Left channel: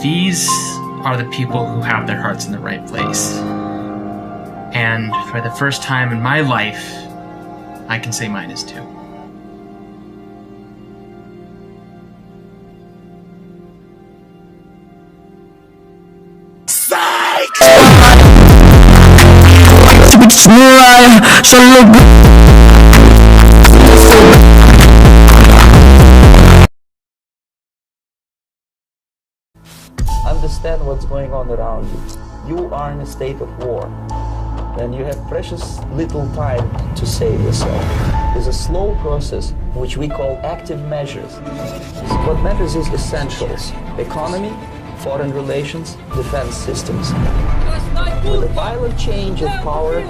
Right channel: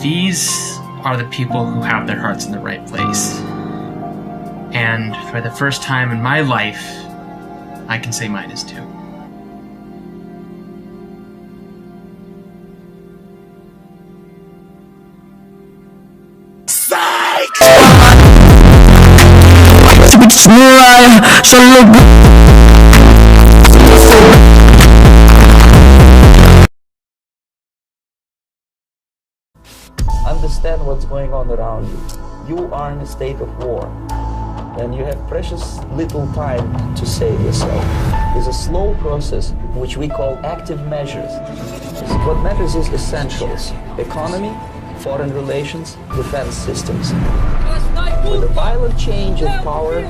These are the people who have their hearts in the right place. And for the first time in my life, I can say mine is too. Understand what's going on around you. You are in a state of war, and you have precious little time to save yourself. It's a slow process, which we call active measures. What matters is essentials: economy, foreign relations, defense systems. With a violent change of power,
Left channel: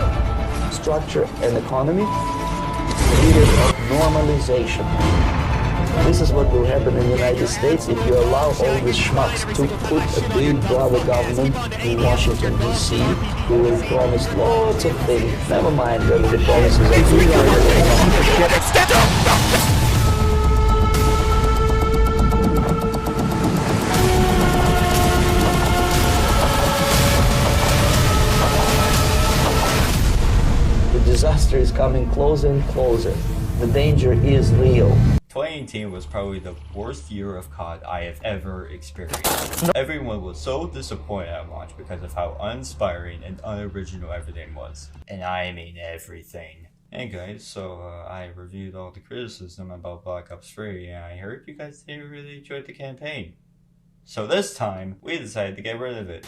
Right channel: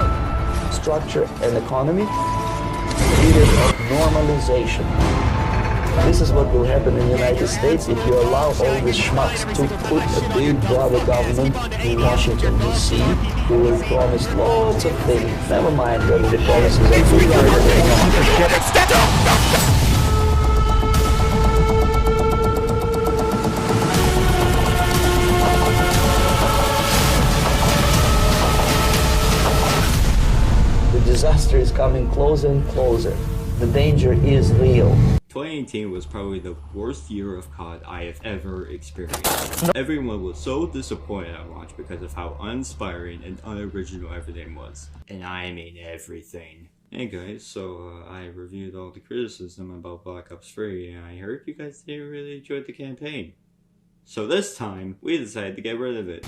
structure, and economy, period of normalization. This is what will happen in the United States if you allow all these schmucks to put a big brother government in Washington, D.C., who will promise lots of things. Never mind whether the promises are good or not. The disaster is coming closer and closer. The danger is real. 2018 was probably the worst year of COD I have ever experienced. Everyone was so disappointed at launch because of how uninspiring and unoriginal everything was. And I mean everything. Hey guys, so I reviewed all the criticism about Black Ops 3 and I heard you guys didn't really enjoy the campaign. So this time, we decided to get rid of it.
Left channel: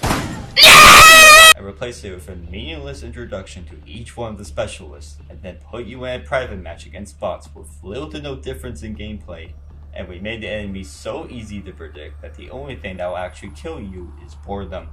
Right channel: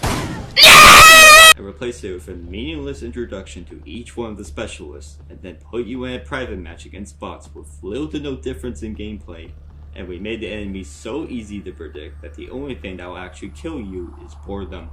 And replace it with a meaningless introduction to each one of the specialists, and then put you in a private match against bots with little to no difference in gameplay. And we made the enemies so easy to predict that the only thing that will actually kill you is boredom.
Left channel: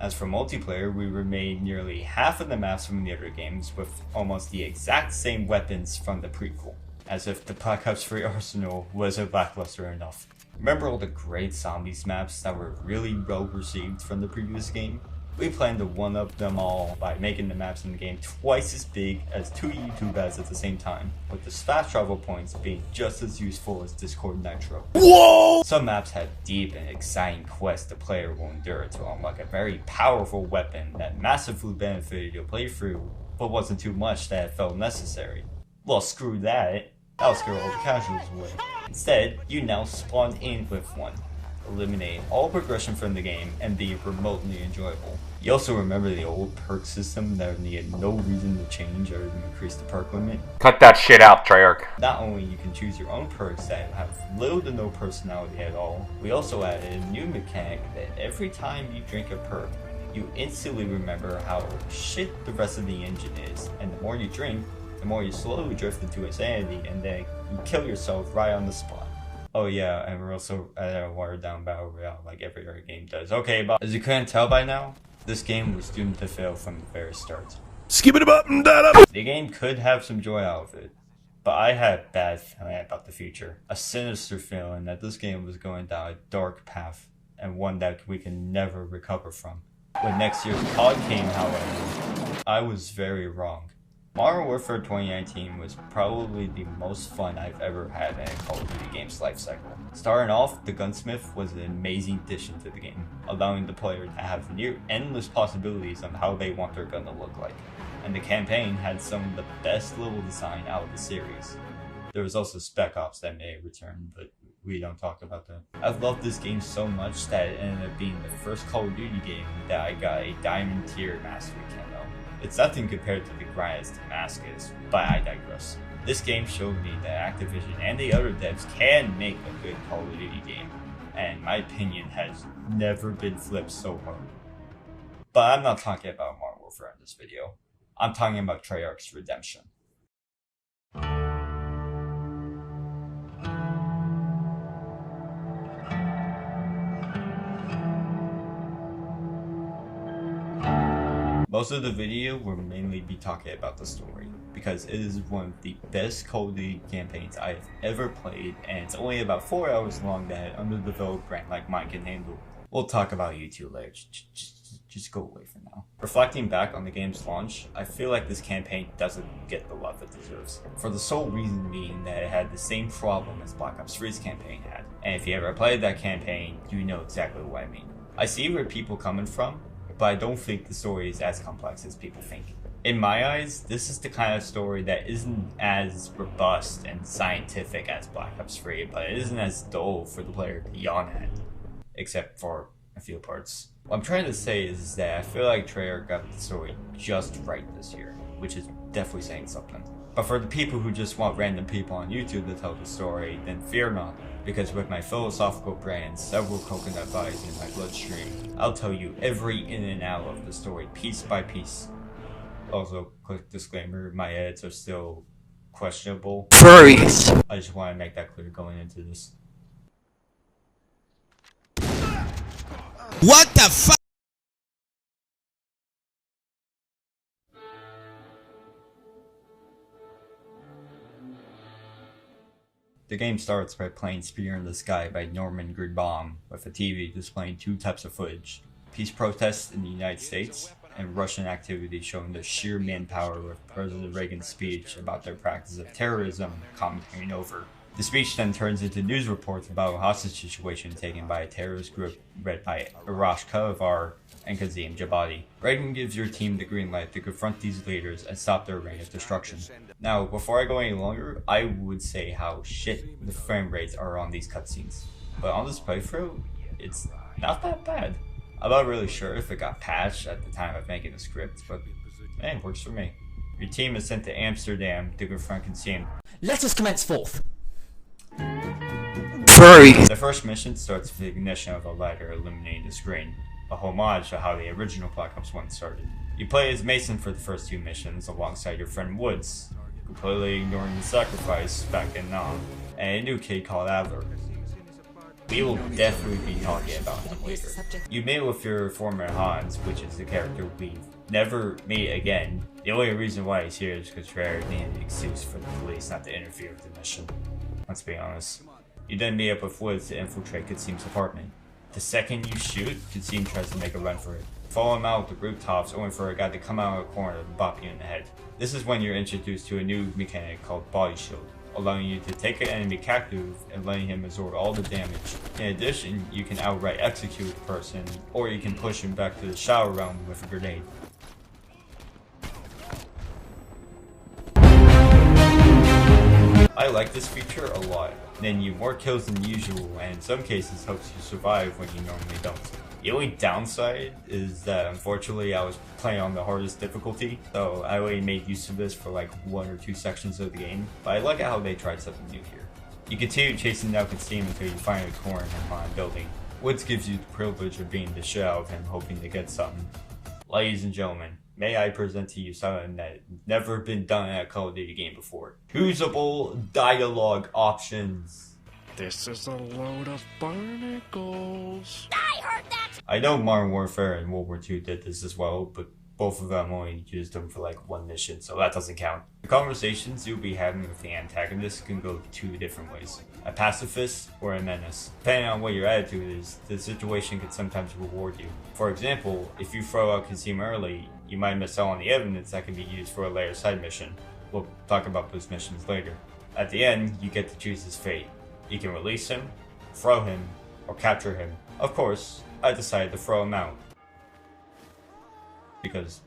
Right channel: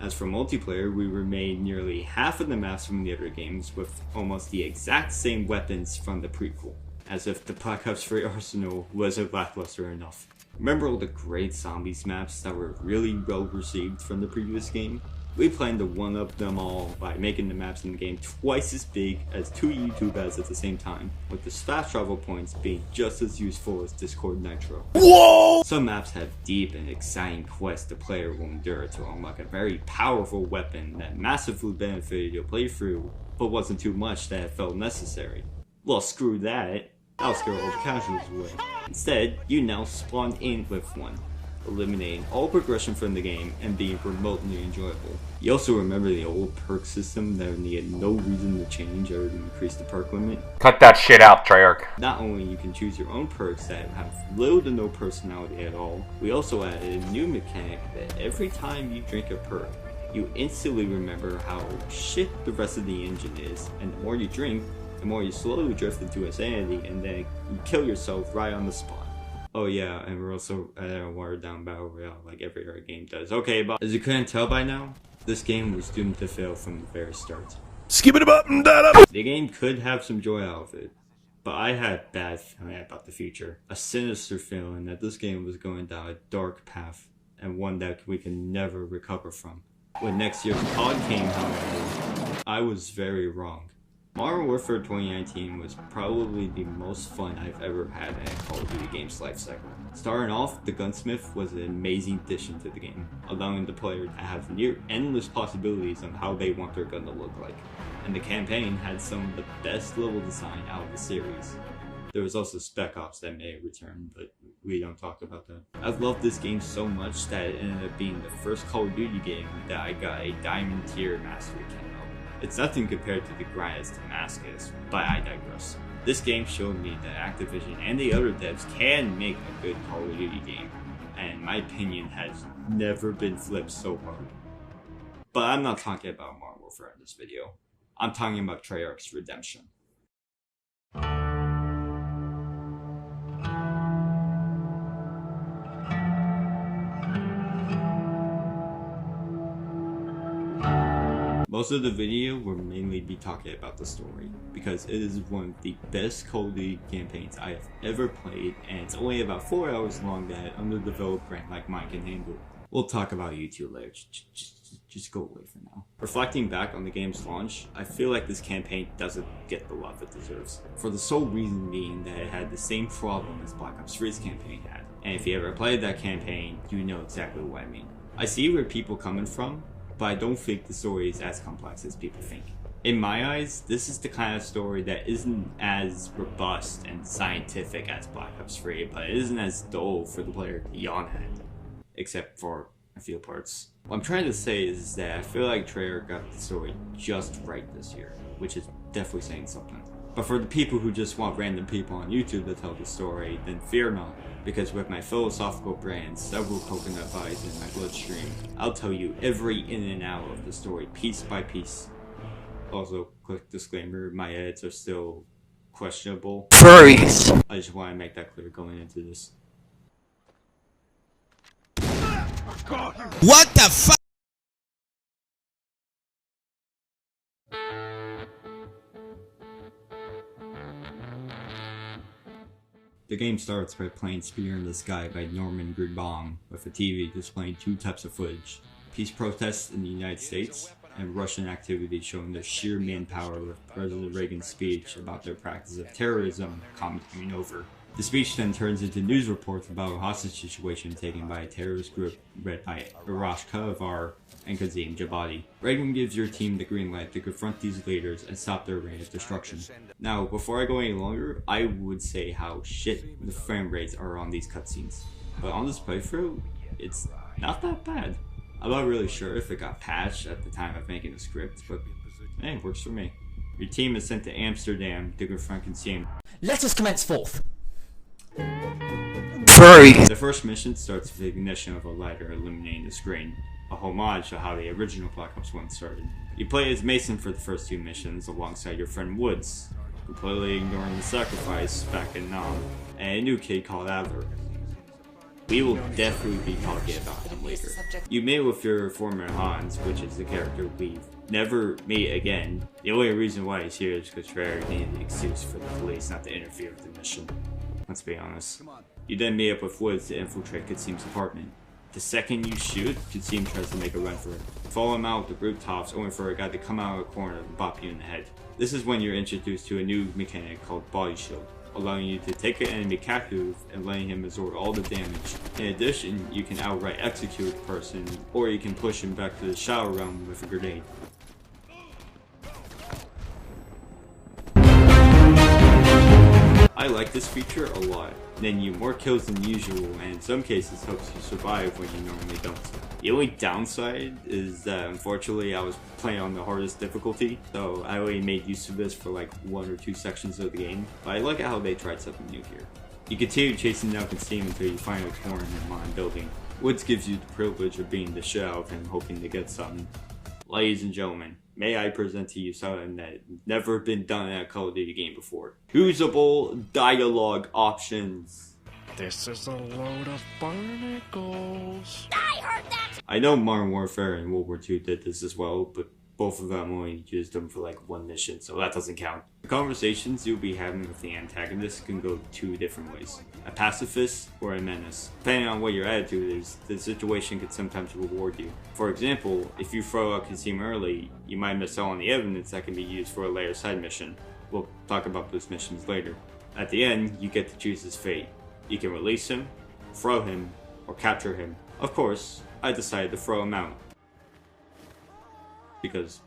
As for multiplayer, we remade nearly half of the maps from the other games with almost the exact same weapons from the prequel. As if the Black Ops 3 arsenal wasn't lackluster enough. Remember all the great zombies maps that were really well received from the previous game? We planned to one-up them all by making the maps in the game twice as big as 2 YouTube ads at the same time, with the fast travel points being just as useful as Discord Nitro. Whoa! Some maps have deep and exciting quests the player will endure to unlock a very powerful weapon that massively benefited your playthrough, but wasn't too much that it felt necessary. Well, screw that. That'll scare all the casuals away. Instead, you now spawn in with one, eliminating all progression from the game and being remotely enjoyable. You also remember the old perk system that needed no reason to change or to increase the perk limit? Cut that shit out, Treyarch. Not only you can choose your own perks that have little to no personality at all, we also added a new mechanic that every time you drink a perk, you instantly remember how shit the rest of the engine is, and the more you drink, the more you slowly drift into insanity and then you kill yourself right on the spot. Oh yeah, and we're also at a watered down battle royale like every other game does. Okay, but as you couldn't tell by now, this game was doomed to fail from the very start. Skip it up and that up! The game could have some joy out of it, but I had a bad feeling about the future. A sinister feeling that this game was going down a dark path, and one that we can never recover from. When next year's COD came, however, I was very wrong. Modern Warfare 2019 was probably the most fun I've ever had in a Call of Duty game's lifecycle. Starting off, the Gunsmith was an amazing addition to the game, allowing the player to have near endless possibilities on how they want their gun to look like. And the campaign had some of the best level design out of the series. There was also Spec Ops that made a return, but we don't talk about that. I've loved this game so much that it ended up being the first Call of Duty game that I got a Diamond Tier Mastery camo. It's nothing compared to the grind as Damascus, but I digress. This game showed me that Activision and the other devs can make a good Call of Duty game, and my opinion has never been flipped so hard. But I'm not talking about Modern Warfare in this video. I'm talking about Treyarch's redemption. Most of the video will mainly be talking about the story, because it is one of the best Call of Duty campaigns I have ever played, and it's only about 4 hours long that an underdeveloped brand like mine can handle. We'll talk about you two later. just go away for now. Reflecting back on the game's launch, I feel like this campaign doesn't get the love it deserves. For the sole reason being that it had the same problem as Black Ops 3's campaign had. And if you ever played that campaign, you know exactly what I mean. I see where people are coming from, but I don't think the story is as complex as people think. In my eyes, this is the kind of story that isn't as robust and scientific as Black Ops 3, but it isn't as dull for the player to yawn at, except for a few parts. What I'm trying to say is that I feel like Treyarch got the story just right this year, which is definitely saying something. But for the people who just want random people on YouTube to tell the story, then fear not, because with my philosophical brain, several coconut vibes in my bloodstream, I'll tell you every in and out of the story, piece by piece. Also, quick disclaimer, my edits are still questionable. Furries! I just want to make that clear going into this. What the fuck? The game starts by playing Spear in the Sky by Norman Greenbaum, with a TV displaying two types of footage: peace protests in the United States and Russian activity showing the sheer manpower of President Reagan's speech about their practice of terrorism commentating over. The speech then turns into news reports about a hostage situation taken by a terrorist group led by Arash Kalavar and Kazim Jabati. Reagan gives your team the green light to confront these leaders and stop their reign of destruction. Now, before I go any longer, I would say how shit the frame rates are on these cutscenes. But on this playthrough, it's not that bad. I'm not really sure if it got patched at the time of making the script, but hey, it works for me. Your team is sent to Amsterdam to confront Kazim. Let us commence forth. Furries! The first mission starts with the ignition of a lighter illuminating the screen, a homage to how the original Black Ops 1 started. You play as Mason for the first two missions alongside your friend Woods, completely ignoring the sacrifice back in Nam, and a new kid called Adler. We will definitely be talking about him later. You meet with your former Hans, which is the character we never meet again. The only reason why he's here is because Treyarch needed an excuse for the police not to interfere with the mission. Let's be honest. You then meet up with Woods to infiltrate Kazim's apartment. The second you shoot, Kazim tries to make a run for it. Follow him out with the rooftops, only for a guy to come out of a corner and bop you in the head. This is when you're introduced to a new mechanic called Body Shield, allowing you to take an enemy captive and letting him absorb all the damage. In addition, you can outright execute the person, or you can push him back to the shower realm with a grenade. I like this feature a lot, letting you more kills than usual, and in some cases helps you survive when you normally don't. The only downside is that unfortunately I was playing on the hardest difficulty, so I only made use of this for like 1 or 2 sections of the game, but I like how they tried something new here. You continue chasing down Kazim until you find a corner in my building. Woods gives you the privilege of being the shit out of him, hoping to get something. Ladies and gentlemen, may I present to you something that never been done in a Call of Duty game before. Usable dialogue options. This is a load of barnacles. I heard that! I know Modern Warfare and World War II did this as well, but both of them only used them for like 1 mission, so that doesn't count. The conversations you'll be having with the antagonist can go 2 different ways. A pacifist or a menace. Depending on what your attitude is, the situation could sometimes reward you. For example, if you throw out Kazim early, you might miss out on the evidence that can be used for a later side mission. We'll talk about those missions later. At the end, you get to choose his fate. You can release him, throw him, or capture him. Of course, I decided to throw him out. Because,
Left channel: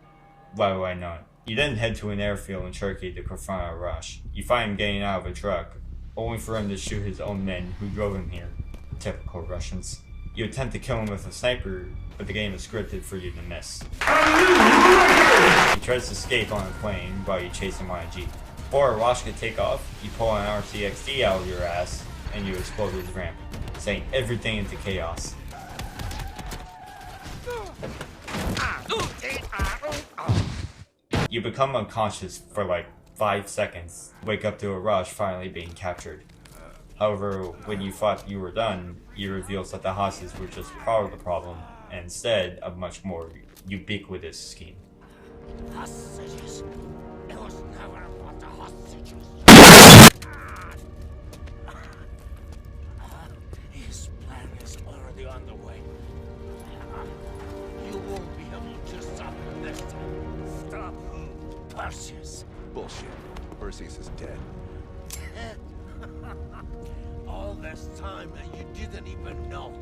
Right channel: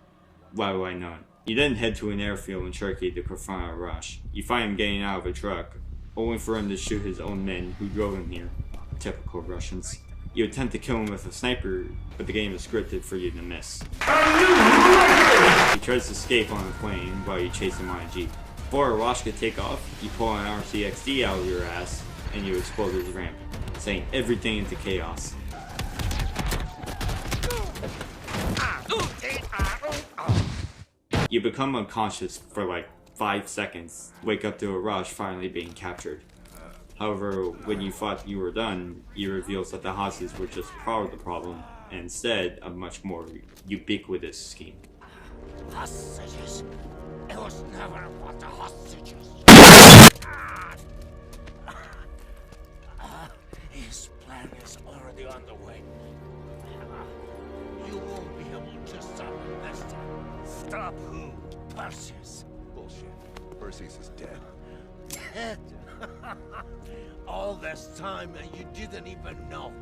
why would I not? You then head to an airfield in Turkey to confront Arash. You find him getting out of a truck, only for him to shoot his own men who drove him here. Typical Russians. You attempt to kill him with a sniper, but the game is scripted for you to miss. He tries to escape on a plane while you chase him on a jeep. Before Arash could take off, you pull an RCXD out of your ass, and you explode his ramp, sending everything into chaos. You become unconscious for like 5 seconds, wake up to Arash finally being captured. However, when you thought you were done, he reveals that the hostages were just part of the problem, and instead a much more ubiquitous scheme. Hostages. It was never about the hostages. His plan is already underway. You won't Perseus. Bullshit. Perseus is dead. Dead. All this time and you didn't even know.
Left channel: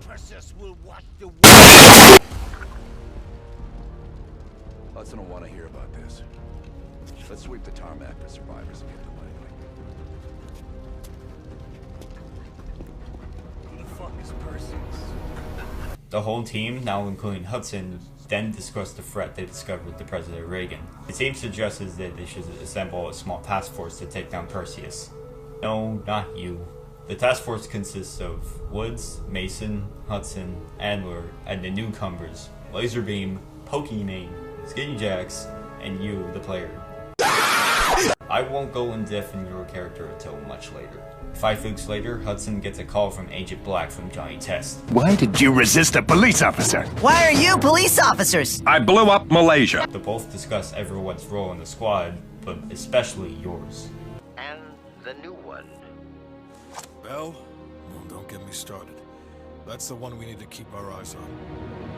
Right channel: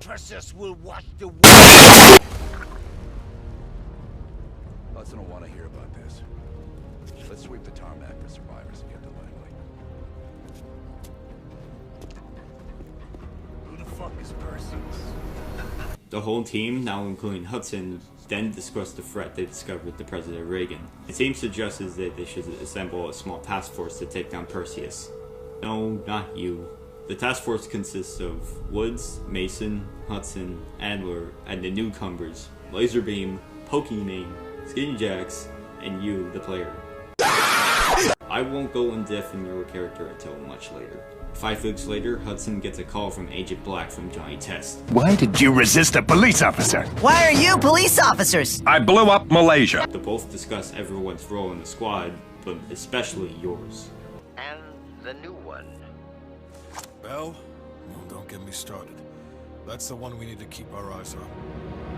Perseus will watch the world. Hudson will want to hear about this. Let's sweep the tarmac for survivors and get to Langley. Who the fuck is Perseus? The whole team, now including Hudson, then discussed the threat they discovered with the President Reagan. It seems suggested that they should assemble a small task force to take down Perseus. No, not you. The task force consists of Woods, Mason, Hudson, Adler, and the newcomers, Laserbeam, Pokimane, Skinny Jacks, and you, the player. I won't go in depth in your character until much later. 5 weeks later, Hudson gets a call from Agent Black from Johnny Test. Why did you resist a police officer? Why are you police officers? I blew up Malaysia. They both discuss everyone's role in the squad, but especially yours. And the new one. Well, don't get me started. That's the one we need to keep our eyes on.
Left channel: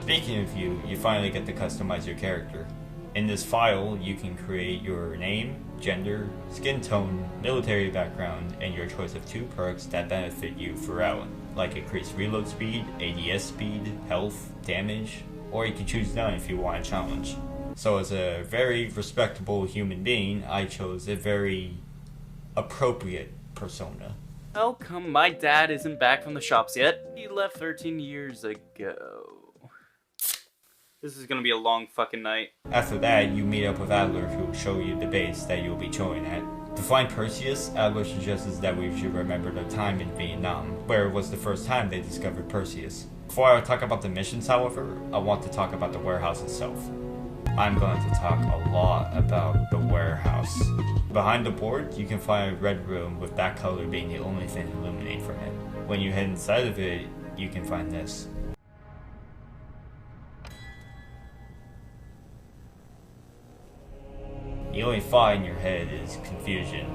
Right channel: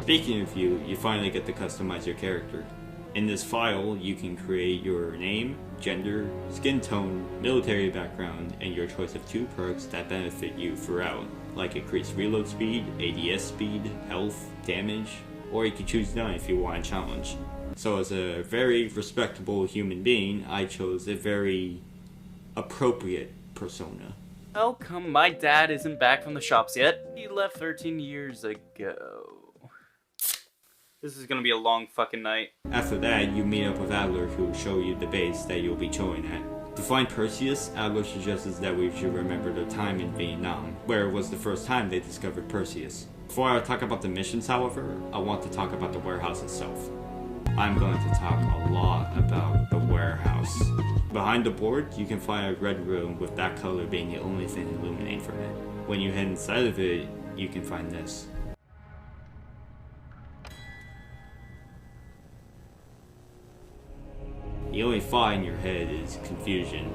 Speaking of you, you finally get to customize your character. In this file, you can create your name, gender, skin tone, military background, and your choice of 2 perks that benefit you throughout, like increased reload speed, ADS speed, health, damage, or you can choose none if you want a challenge. So as a very respectable human being, I chose a very appropriate persona. How come my dad isn't back from the shops yet? He left 13 years ago. This is gonna be a long fucking night. After that, you meet up with Adler, who will show you the base that you'll be chilling at. To find Perseus, Adler suggests that we should remember their time in Vietnam, where it was the first time they discovered Perseus. Before I talk about the missions, however, I want to talk about the warehouse itself. I'm going to talk a lot about the warehouse. Behind the board, you can find a red room with that color being the only thing illuminated from it. When you head inside of it, you can find this. The only thought in your head is confusion,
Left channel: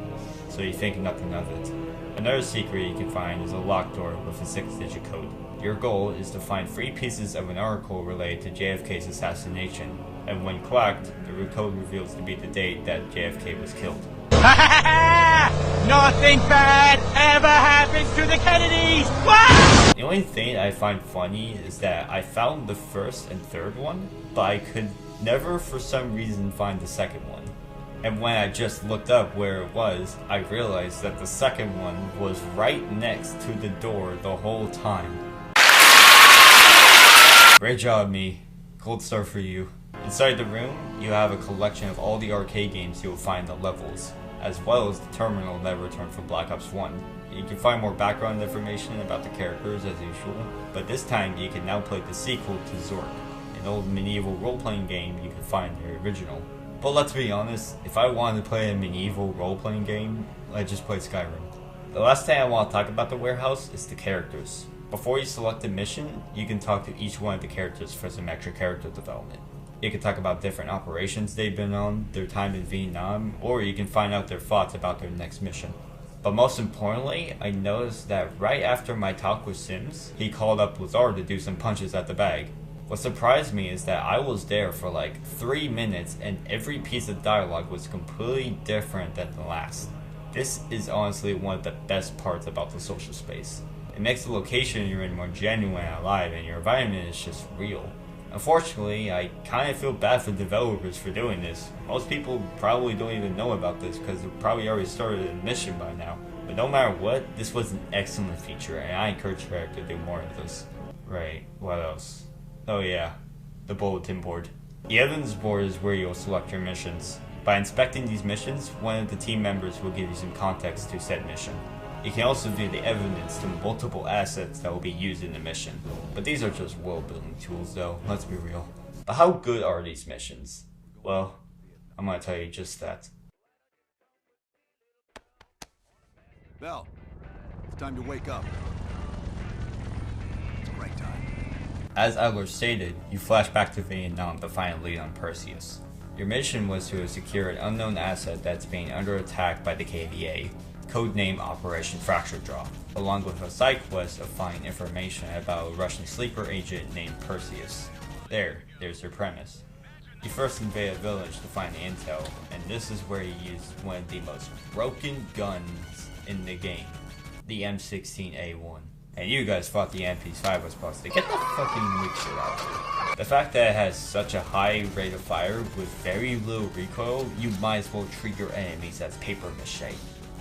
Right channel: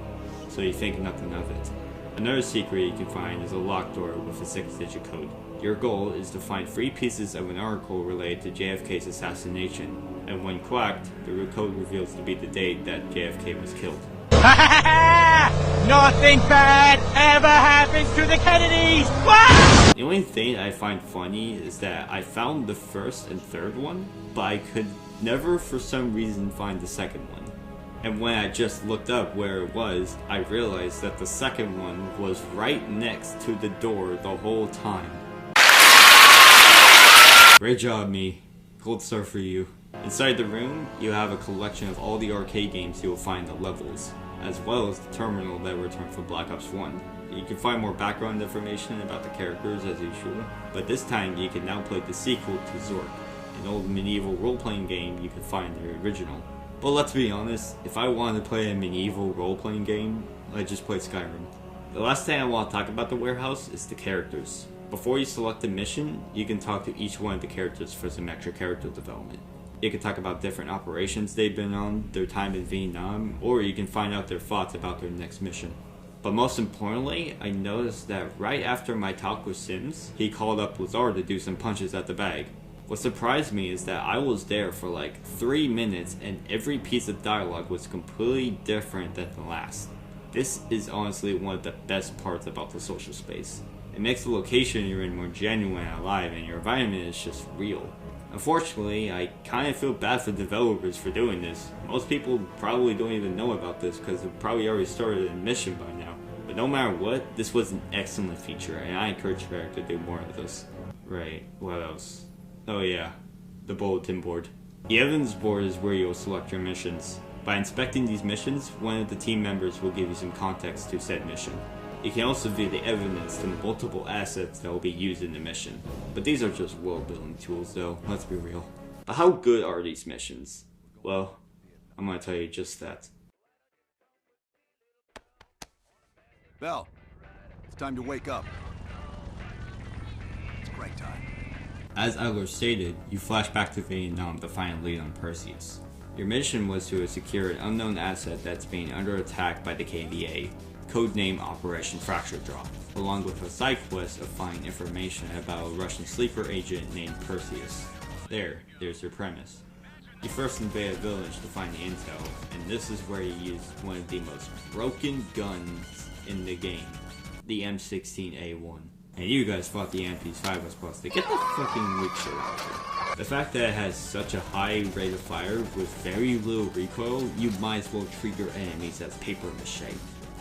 so you think nothing of it. Another secret you can find is a locked door with a 6-digit code. Your goal is to find 3 pieces of an article related to JFK's assassination, and when cracked, the code reveals to be the date that JFK was killed. Nothing bad ever happens to the Kennedys! The only thing I find funny is that I found the first and third one, but I could never for some reason find the second one. And when I just looked up where it was, I realized that the second one was right next to the door the whole time. Great job, me. Gold star for you. Inside the room, you have a collection of all the arcade games you will find in the levels, as well as the terminal that returned from Black Ops 1. You can find more background information about the characters as usual, but this time you can now play the sequel to Zork, an old medieval role-playing game you can find in the original. But let's be honest, if I wanted to play a medieval role-playing game, I'd just play Skyrim. The last thing I want to talk about the warehouse is the characters. Before you select a mission, you can talk to each one of the characters for some extra character development. You can talk about different operations they've been on, their time in Vietnam, or you can find out their thoughts about their next mission. But most importantly, I noticed that right after my talk with Sims, he called up Lazar to do some punches at the bag. What surprised me is that I was there for like 3 minutes and every piece of dialogue was completely different than the last. This is honestly one of the best parts about the social space. It makes the location you're in more genuine and alive, and your environment is just real. Unfortunately, I kind of feel bad for developers for doing this. Most people probably don't even know about this because they've probably already started a mission by now. But no matter what, this was an excellent feature, and I encourage Eric to do more of this. Right, what else? Oh yeah, the bulletin board. The evidence board is where you'll select your missions. By inspecting these missions, one of the team members will give you some context to said mission. You can also view the evidence to multiple assets that will be used in the mission. But these are just world building tools though, let's be real. But how good are these missions? Well, I'm gonna tell you just that. Bell, it's time to wake up. It's break time. As Adler stated, you flash back to Vietnam to find a lead on Perseus. Your mission was to secure an unknown asset that's being under attack by the KVA. codename Operation Fracture Drop, along with a side quest of finding information about a Russian sleeper agent named Perseus. There's your premise. You first invade a village to find the intel, and this is where you use one of the most broken guns in the game, the M16A1. And you guys thought the MP5 was busted. Get the fucking weak shit out of here. The fact that it has such a high rate of fire with very little recoil, you might as well treat your enemies as paper mache.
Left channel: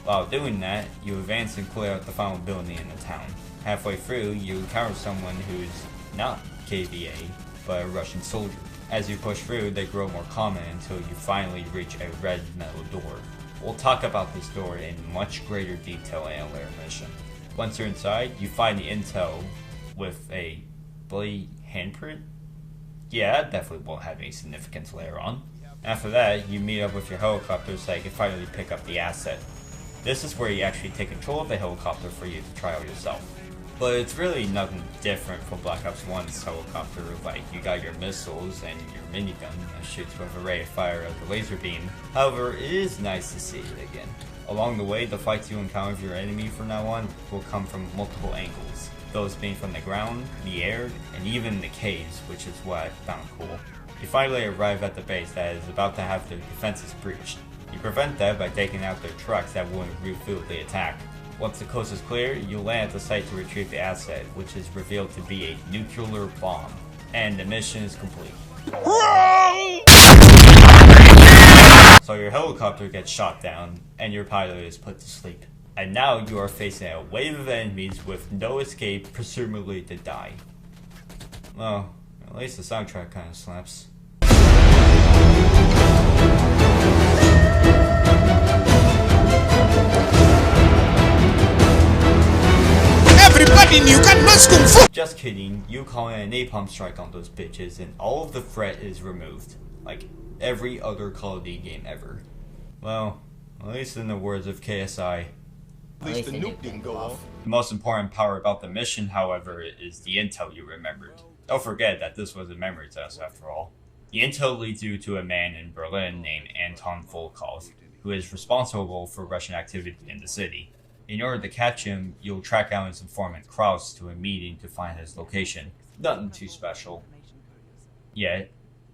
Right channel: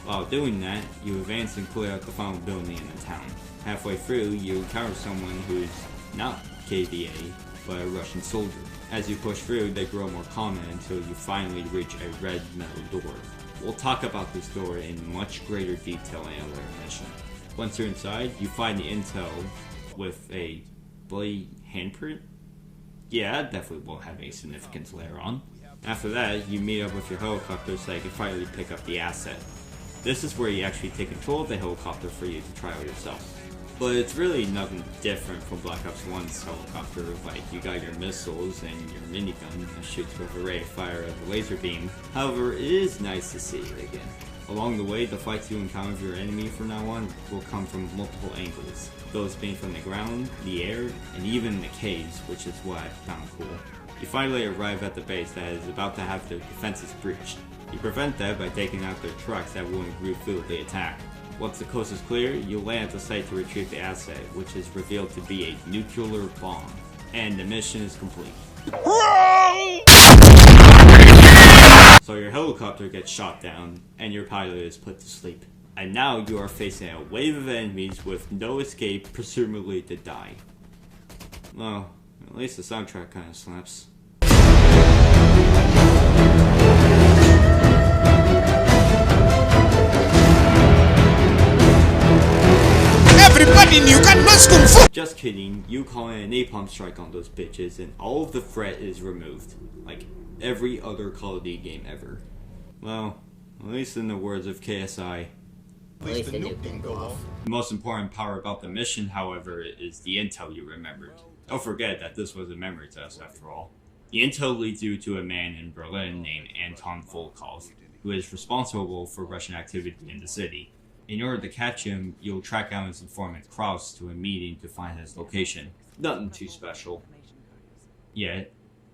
While doing that, you advance and clear out the final building in the town. Halfway through, you encounter someone who's not KVA, but a Russian soldier. As you push through, they grow more common until you finally reach a red metal door. We'll talk about this door in much greater detail in a later mission. Once you're inside, you find the intel with a bloody handprint. Yeah, that definitely won't have any significance later on. After that, you meet up with your helicopter so you can finally pick up the asset. This is where you actually take control of the helicopter for you to try out yourself. But it's really nothing different from Black Ops 1's helicopter, like you got your missiles and your minigun that shoots with a ray of fire as a laser beam. However, it is nice to see it again. Along the way, the fights you encounter with your enemy from now on will come from multiple angles, those being from the ground, the air, and even the caves, which is what I found cool. You finally arrive at the base that is about to have their defenses breached. You prevent that by taking out their trucks that will refuel the attack. Once the coast is clear, you land at the site to retrieve the asset, which is revealed to be a nuclear bomb. And the mission is complete. So your helicopter gets shot down, and your pilot is put to sleep. And now you are facing a wave of enemies with no escape, presumably to die. Well, at least the soundtrack kinda slaps. Everybody knew gun knows kung fu! Just kidding, you call in a napalm strike on those bitches and all of the threat is removed. Like every other Call of Duty game ever. Well, at least in the words of KSI. At least the nuke didn't go off. The most important part about the mission, however, is the intel you remembered. Don't forget that this was a memory test after all. The intel leads you to a man in Berlin named Anton Volkov, who is responsible for Russian activity in the city. In order to catch him, you'll track down his informant Kraus to a meeting to find his location. Nothing too special. Yet,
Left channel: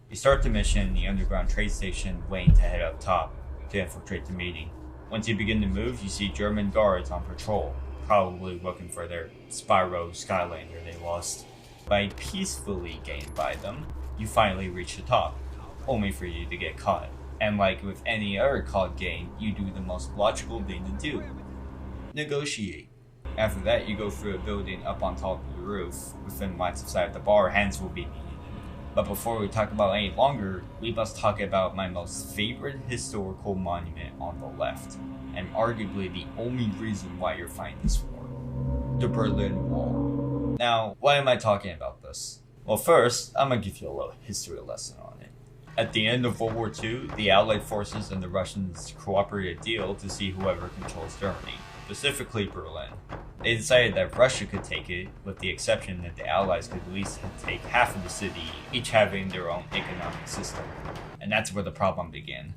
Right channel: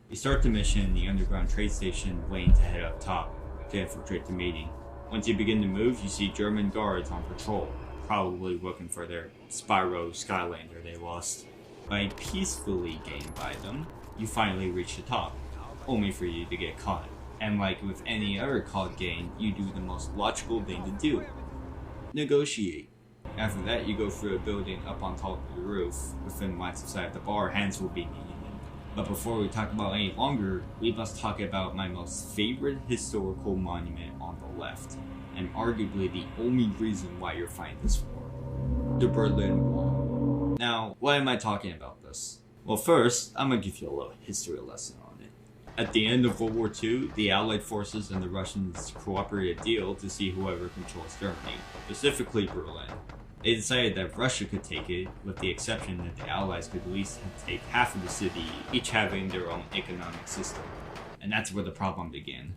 you start the mission in the underground trade station waiting to head up top to infiltrate the meeting. Once you begin to move, you see German guards on patrol, probably looking for their Spyro Skylander they lost. By peacefully getting by them, you finally reach the top, only for you to get caught. And like with any other COD game, you do the most logical thing to do. Negotiate. After that, you go through a building up on top of the roof. Within lines of sight of the bar, hands will be needed. But before we talk about any longer, we must talk about my most favorite historical monument on the left, and arguably the only reason why you're fighting this war. The Berlin Wall. Now, why am I talking about this? Well, first, I'm gonna give you a little history lesson on it. At the end of World War II, the Allied forces and the Russians cooperated a deal to see whoever controls Germany, specifically Berlin. They decided that Russia could take it, with the exception that the Allies could at least take half of the city, each having their own economic system. And that's where the problem began.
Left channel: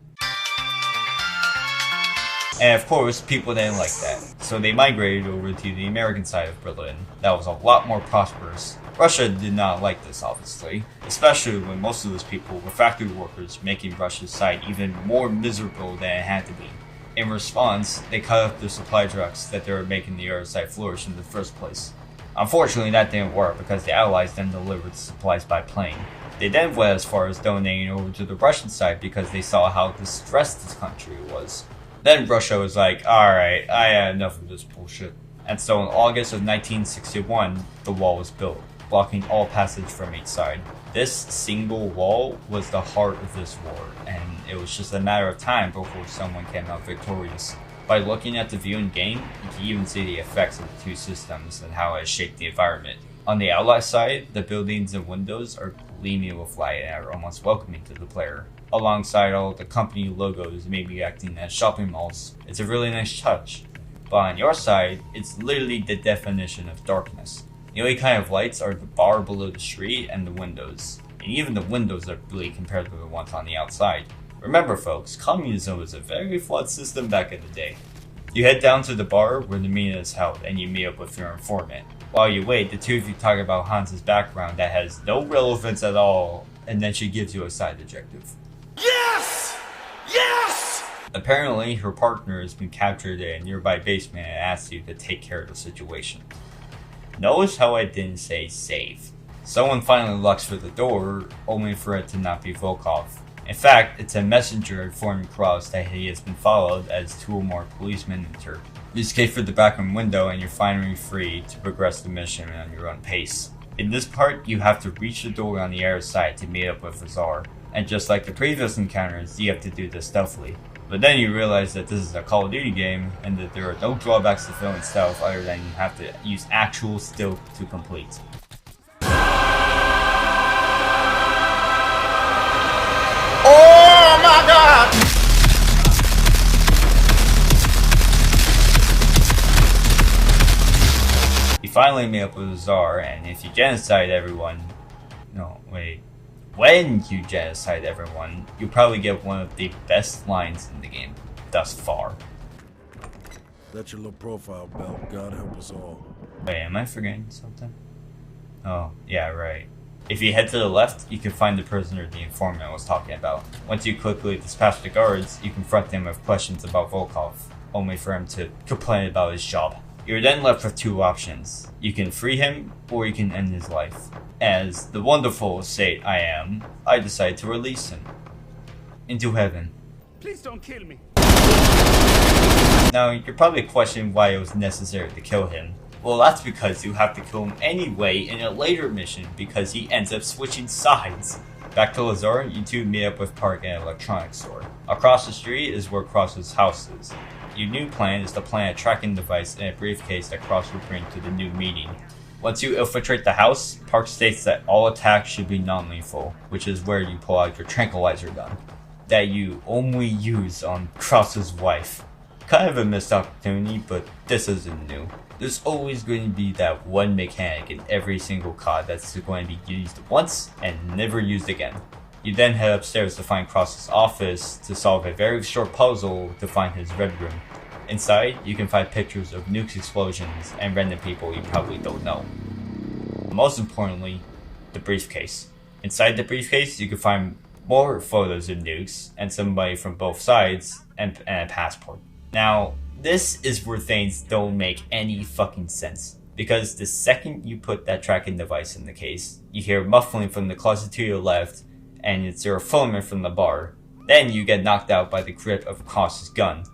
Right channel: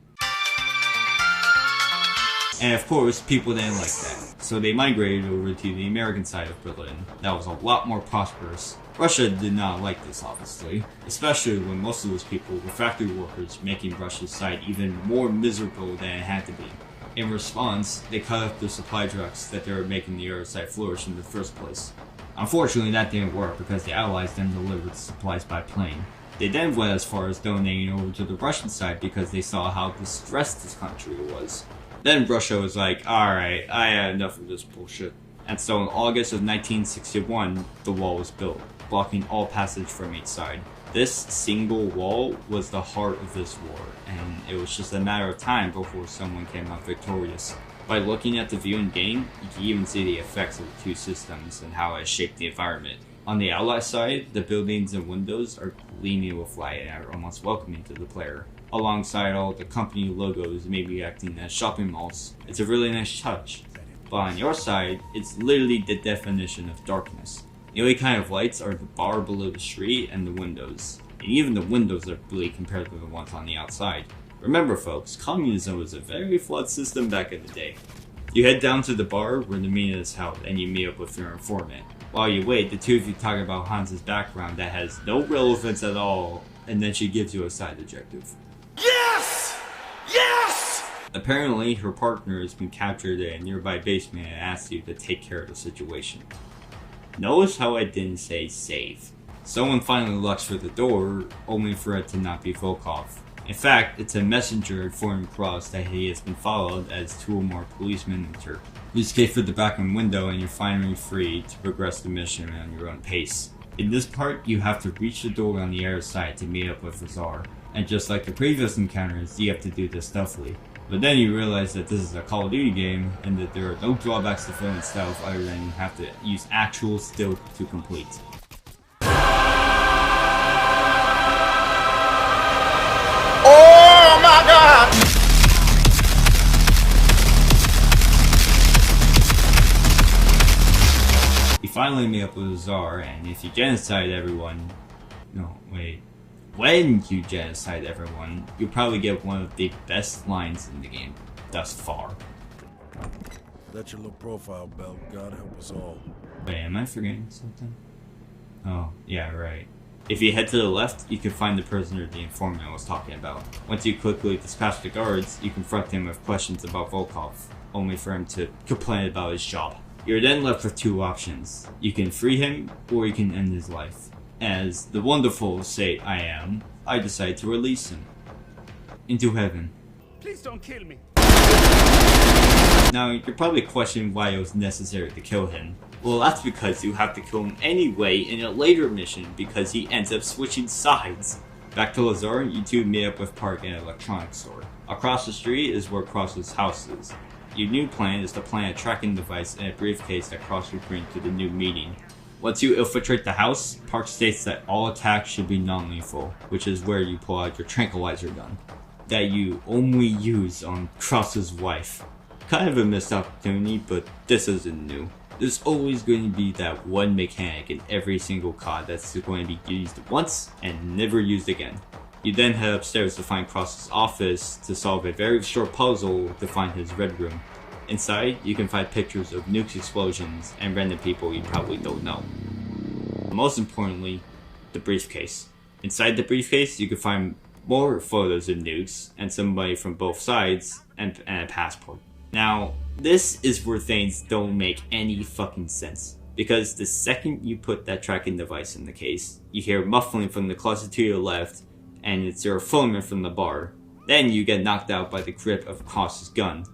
And of course, people didn't like that, so they migrated over to the American side of Berlin. That was a lot more prosperous. Russia did not like this, obviously, especially when most of those people were factory workers, making Russia's side even more miserable than it had to be. In response, they cut off the supply trucks that they were making the other side flourish in the first place. Unfortunately, that didn't work because the Allies then delivered the supplies by plane. They then went as far as donating over to the Russian side because they saw how distressed this country was. Then Russia was like, alright, I had enough of this bullshit. And so in August of 1961, the wall was built, blocking all passage from each side. This single wall was the heart of this war, and it was just a matter of time before someone came out victorious. By looking at the view in game, you can even see the effects of the two systems and how it shaped the environment. On the Allied side, the buildings and windows are gleaming with light and are almost welcoming to the player. Alongside all the company logos maybe acting as shopping malls. It's a really nice touch. But on your side, it's literally the definition of darkness. The only kind of lights are the bar below the street and the windows. And even the windows are bleak compared to the ones on the outside. Remember folks, communism was a very flawed system back in the day. You head down to the bar where the meeting is held and you meet up with your informant. While you wait, the two of you talk about Hans's background that has no relevance at all, and then she gives you a side objective. Yes! Yes! Apparently, her partner has been captured in a nearby basement and asks you to take care of the situation. Notice how I didn't say save. Someone finally locks for the door, only for it to not be Volkov. In fact, it's a messenger informing Cross that he has been followed as 2 or more policemen enter. You escape through the backroom window and you're finally free to progress the mission on your own pace. In this part, you have to reach the door on the other side to meet up with Azar, and just like the previous encounters, you have to do this stealthily. But then you realize that this is a Call of Duty game, and that there are no drawbacks to filming stealth other than you have to use actual stealth to complete. Oh my God! You finally meet up with Azar, and if you genocide everyone... No, wait. When you genocide everyone, you'll probably get one of the best lines in the game thus far. That's your low profile, Bell. God help us all. Wait, am I forgetting something? Oh, yeah, right. If you head to the left, you can find the prisoner the informant was talking about. Once you quickly dispatch the guards, you confront him with questions about Volkov, only for him to complain about his job. You're then left with 2 options. You can free him, or you can end his life. As the wonderful saint I am, I decide to release him into heaven. Please don't kill me. Now, you're probably questioning why it was necessary to kill him. Well, that's because you have to kill him anyway in a later mission because he ends up switching sides. Back to Lazar, you two meet up with Park at an electronics store. Across the street is where Cross's house is. Your new plan is to plant a tracking device in a briefcase that Cross will bring to the new meeting. Once you infiltrate the house, Park states that all attacks should be non-lethal, which is where you pull out your tranquilizer gun, that you only use on Cross's wife. Kind of a missed opportunity, but this isn't new. There's always going to be that one mechanic in every single COD that's going to be used once and never used again. You then head upstairs to find Cross's office to solve a very short puzzle to find his red room. Inside, you can find pictures of nukes explosions and random people you probably don't know. Most importantly, the briefcase. Inside the briefcase, you can find more photos of nukes and somebody from both sides and a passport. Now, this is where things don't make any fucking sense. Because the second you put that tracking device in the case, you hear muffling from the closet to your left, and it's your informant from the bar. Then you get knocked out by the grip of Cross's gun.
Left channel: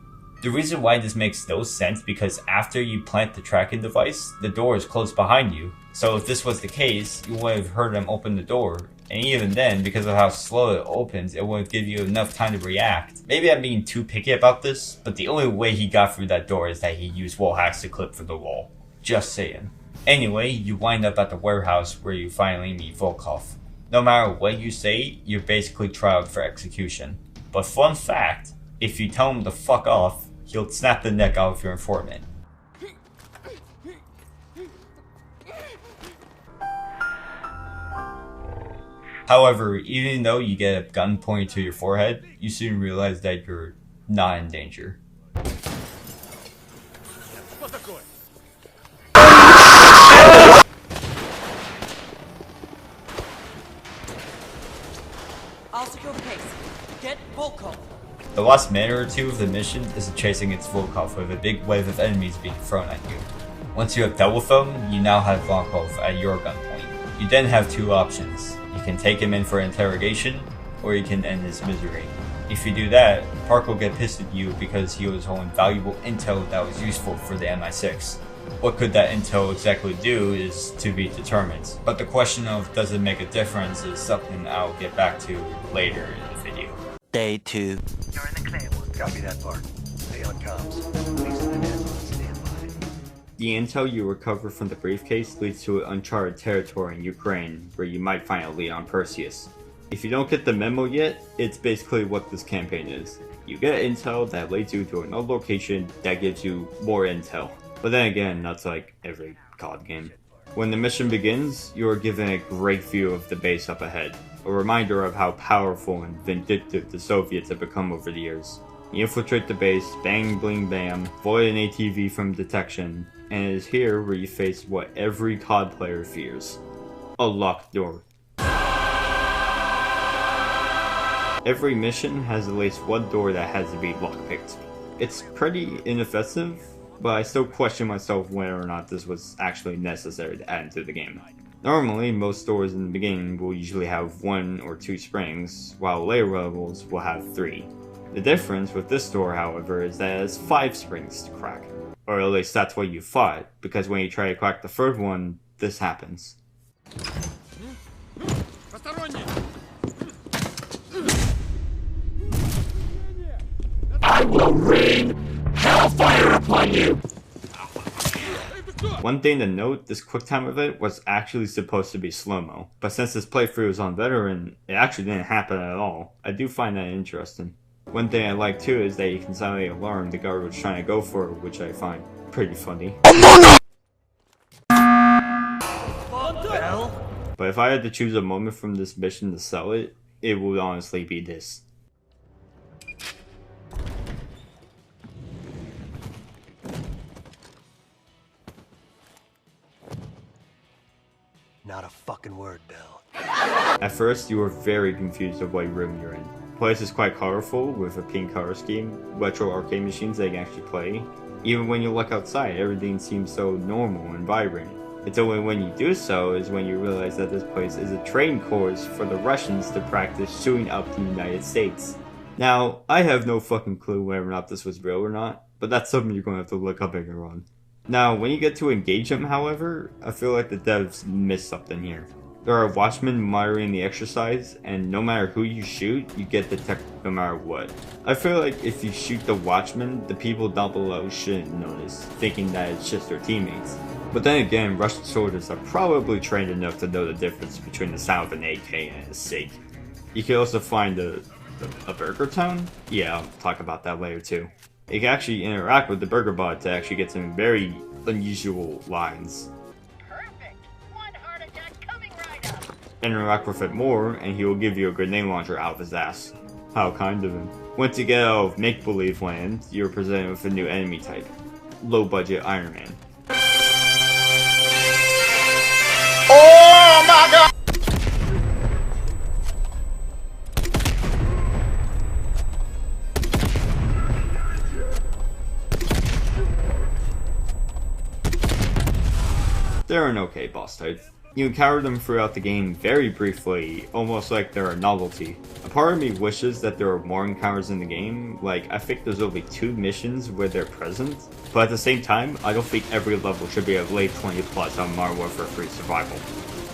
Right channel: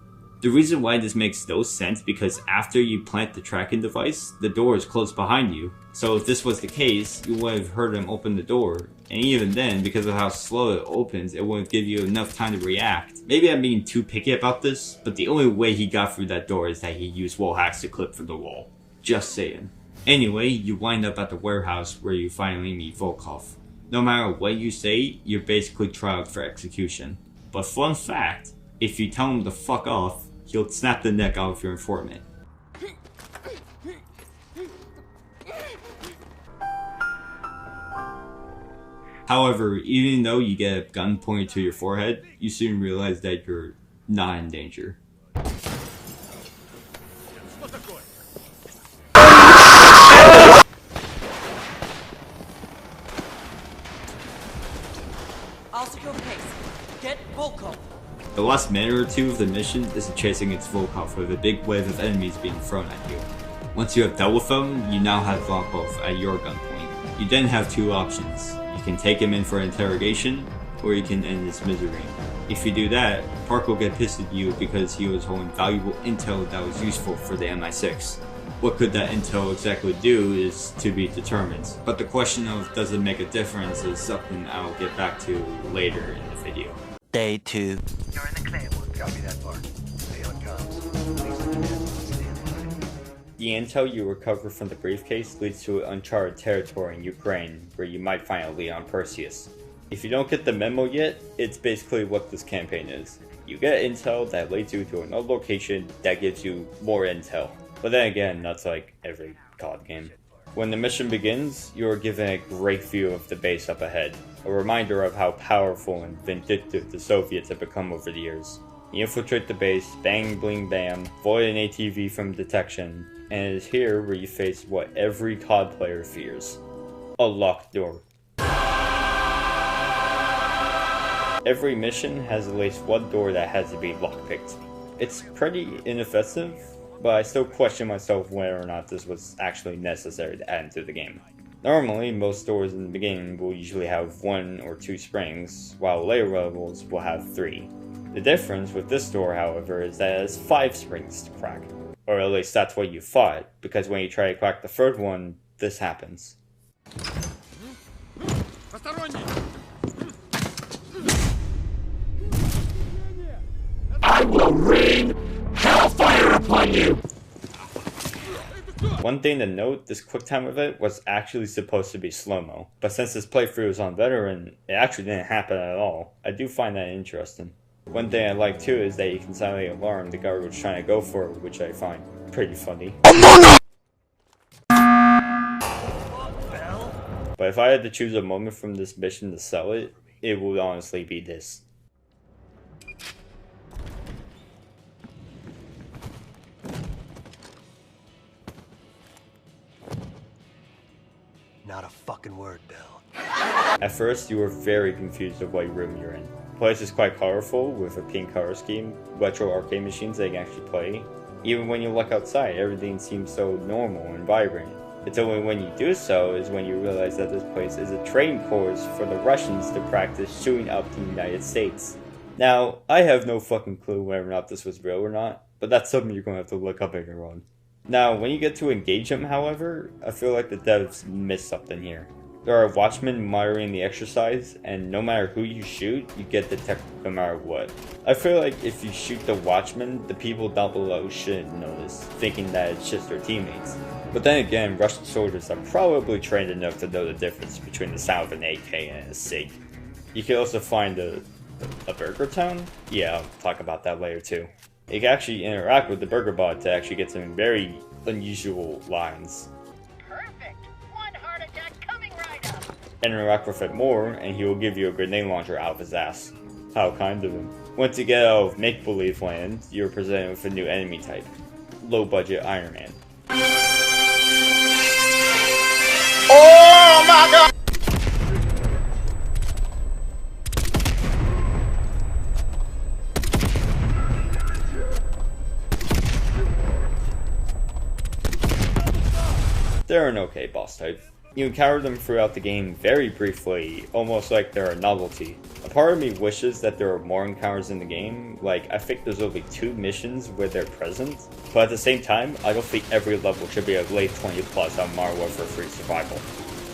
The reason why this makes no sense because after you plant the tracking device, the door is closed behind you. So if this was the case, you would have heard him open the door. And even then, because of how slow it opens, it wouldn't give you enough time to react. Maybe I'm being too picky about this, but the only way he got through that door is that he used wall hacks to clip through the wall. Just saying. Anyway, you wind up at the warehouse where you finally meet Volkov. No matter what you say, you're basically trialed for execution. But fun fact, if you tell him to fuck off, he'll snap the neck out of your informant. However, even though you get a gun pointed to your forehead, you soon realize that you're not in danger. I'll secure the case. Get Volkov. The last minute or two of the mission is chasing its Volkov with a big wave of enemies being thrown at you. Once you have dealt with them, you now have Volkov at your gunpoint. You then have 2 options. You can take him in for interrogation, or you can end his misery. If you do that, Park will get pissed at you because he was holding valuable intel that was useful for the MI6. What could that intel exactly do is to be determined, but the question of does it make a difference is something I'll get back to later in the video. Day 2. You're in the clear. Copy that, Park. Stay on comms. Please stand by. The intel you recover from the briefcase leads to uncharted territory in Ukraine, where you might find a lead on Perseus. If you don't get the memo yet, it's basically what this campaign is. You get intel that leads you to another location that gives you more intel. But then again, that's like every COD game. When the mission begins, you are given a great view of the base up ahead, a reminder of how powerful and vindictive the Soviets have become over the years. You infiltrate the base, bang bling bam, void an ATV from detection, and it is here where you face what every COD player fears. A locked door. Every mission has at least one door that has to be lockpicked. It's pretty inoffensive, but I still question myself whether or not this was actually necessary to add into the game. Normally, most doors in the beginning will usually have 1 or 2 springs, while later levels will have 3. The difference with this door, however, is that it has 5 springs to crack. Or at least that's what you thought, because when you try to crack the third one, this happens. I will rain hellfire upon you! One thing to note, this quick time of it was actually supposed to be slow-mo, but since this playthrough is on veteran, it actually didn't happen at all. I do find that interesting. One thing I like too is that you can silently alarm the guard was trying to go for, which I find pretty funny. But if I had to choose a moment from this mission to sell it, it would honestly be this. Not a fucking word, Bill. At first, you were very confused of what room you're in. The place is quite colorful, with a pink color scheme, retro arcade machines that you can actually play. Even when you look outside, everything seems so normal and vibrant. It's only when you do so is when you realize that this place is a training course for the Russians to practice shooting up the United States. Now, I have no fucking clue whether or not this was real or not, but that's something you're going to have to look up later on. Now, when you get to engage them, however, I feel like the devs missed something here. There are watchmen monitoring the exercise, and no matter who you shoot, you get detected no matter what. I feel like if you shoot the watchmen, the people down below shouldn't notice, thinking that it's just their teammates. But then again, Russian soldiers are probably trained enough to know the difference between the sound of an AK and a SIG. You can also find a burger town? Yeah, I'll talk about that later too. You can actually interact with the burger bot to actually get some very unusual lines. Perfect. 1 heart attack coming right up. Interact with it more, and he will give you a grenade launcher out of his ass. How kind of him. Once you get out of make-believe land, you're presented with a new enemy type. Low-budget Iron Man. Oh my god! They're an okay boss type. You encounter them throughout the game very briefly, almost like they're a novelty. A part of me wishes that there were more encounters in the game, like I think there's only 2 missions where they're present, but at the same time, I don't think every level should be a late 20 plus on Modern Warfare 3 Survival.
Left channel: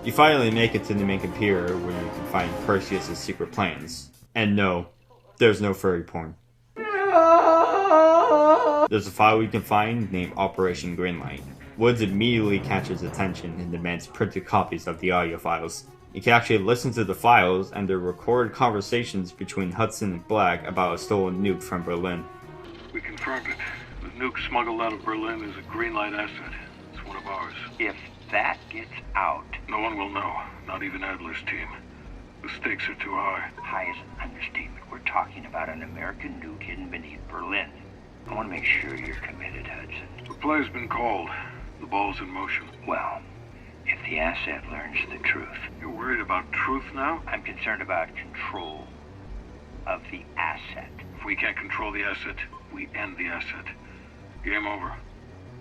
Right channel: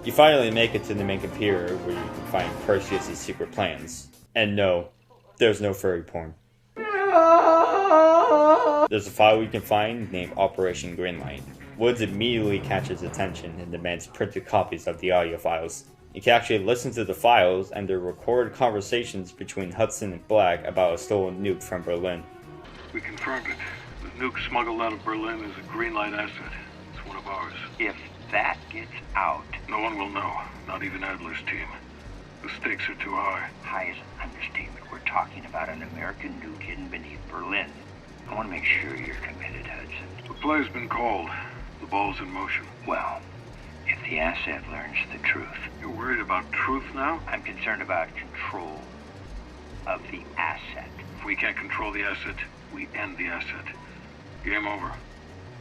You finally make it to the main computer where you can find Perseus' secret plans. And no, there's no furry porn. There's a file you can find named Operation Greenlight. Woods immediately catches attention and demands printed copies of the audio files. You can actually listen to the files and the recorded conversations between Hudson and Black about a stolen nuke from Berlin. We confirmed it. The nuke smuggled out of Berlin is a Greenlight asset. It's one of ours. If that gets out... No one will know, not even Adler's team. The stakes are too high. High is an understatement. We're talking about an American nuke hidden beneath Berlin. I want to make sure you're committed, Hudson. The play's been called. The ball's in motion. Well, if the asset learns the truth... You're worried about truth now? I'm concerned about control of the asset. If we can't control the asset, we end the asset. Game over.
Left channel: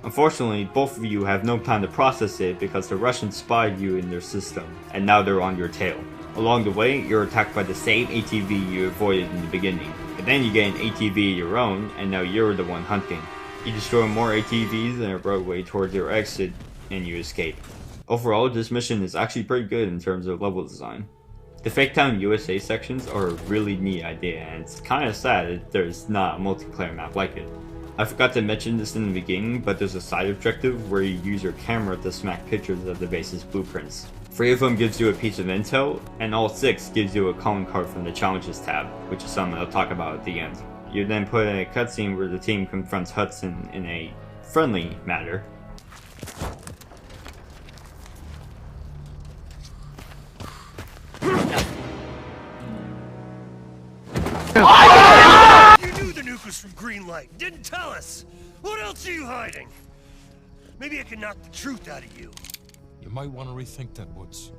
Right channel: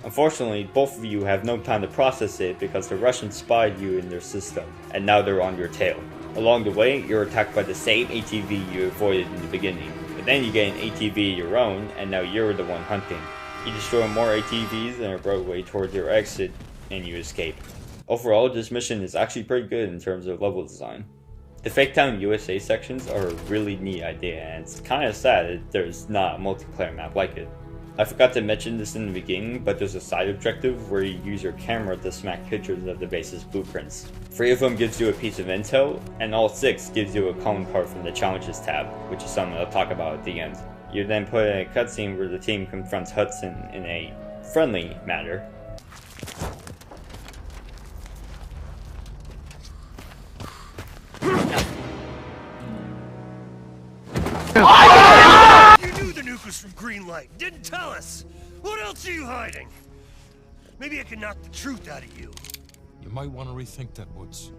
Unfortunately, both of you have no time to process it because the Russians spied you in their system, and now they're on your tail. Along the way, you're attacked by the same ATV you avoided in the beginning, and then you get an ATV of your own, and now you're the one hunting. You destroy more ATVs and a roadway towards your exit, and you escape. Overall, this mission is actually pretty good in terms of level design. The Fake Town USA sections are a really neat idea, and it's kinda sad that there's not a multiplayer map like it. I forgot to mention this in the beginning, but there's a side objective where you use your camera to smack pictures of the base's blueprints. 3 of them gives you a piece of intel, and all 6 gives you a calling card from the Challenges tab, which is something I'll talk about at the end. You're then put in a cutscene where the team confronts Hudson in a friendly manner. You knew the nuke us from Greenlight. Didn't tell us. What else are you hiding? Maybe I can knock the truth out of you. You might want to rethink that, Woods.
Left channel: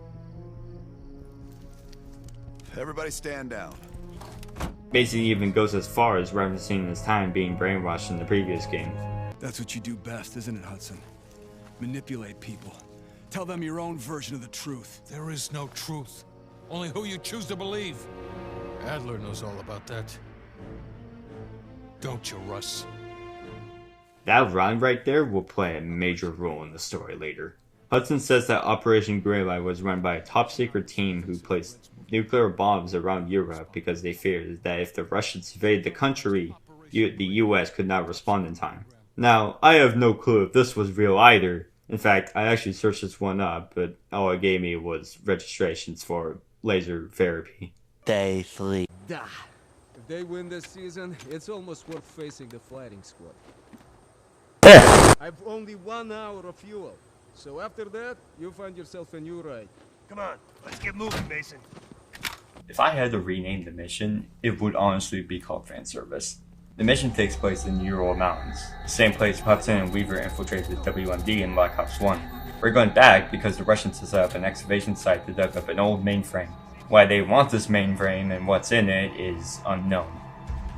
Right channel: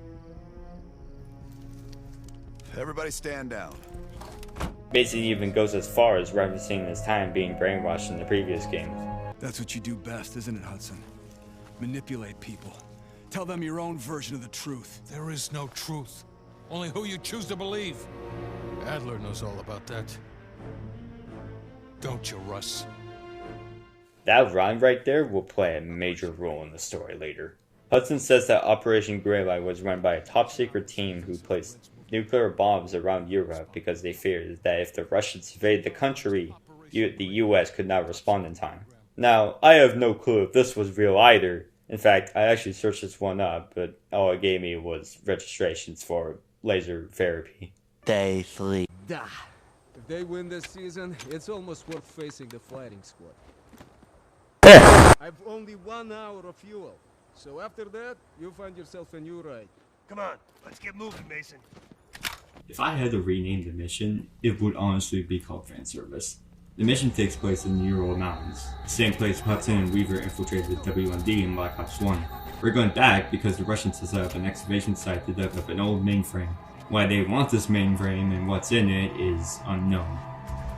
Everybody stand down. Mason even goes as far as referencing his time being brainwashed in the previous game. That's what you do best, isn't it, Hudson? Manipulate people. Tell them your own version of the truth. There is no truth. Only who you choose to believe. Adler knows all about that. Don't you, Russ? That rhyme right there will play a major role in the story later. Hudson says that Operation Greylight was run by a top-secret team who placed nuclear bombs around Europe because they feared that if the Russians invaded the country, the US could not respond in time. Now, I have no clue if this was real either. In fact, I actually searched this one up, but all it gave me was registrations for laser therapy. Day 3. If they win this season, it's almost worth facing the fighting squad. I've only 1 hour of fuel, so after that, you'll find yourself a new ride. Come on, let's get moving, Mason. If I had to rename the mission, it would honestly be called Fan Service. The mission takes place in the Ural Mountains, the same place Hudson and Weaver infiltrated WMD in Black Ops 1. We're going back because the Russians have set up an excavation site to dig up an old mainframe. Why they want this mainframe and what's in it is unknown.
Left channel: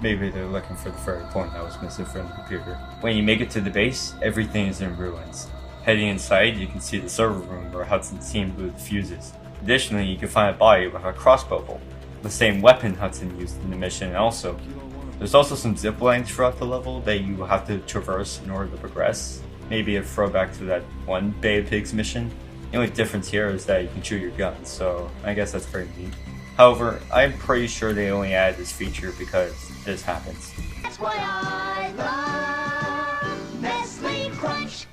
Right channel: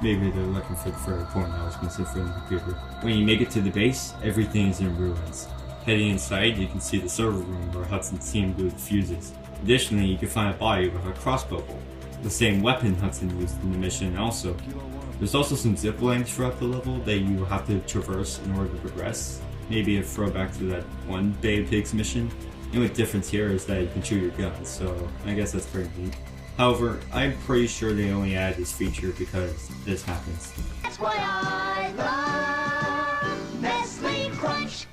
Maybe they're looking for the third point that was missing from the computer. When you make it to the base, everything is in ruins. Heading inside, you can see the server room where Hudson's team blew the fuses. Additionally, you can find a body with a crossbow bolt, the same weapon Hudson used in the mission, and also, there's also some zip lines throughout the level that you will have to traverse in order to progress. Maybe a throwback to that one Bay of Pigs mission. The only difference here is that you can shoot your guns, so I guess that's pretty neat. However, I'm pretty sure they only added this feature because this happens. That's why I love Nestle Crunch.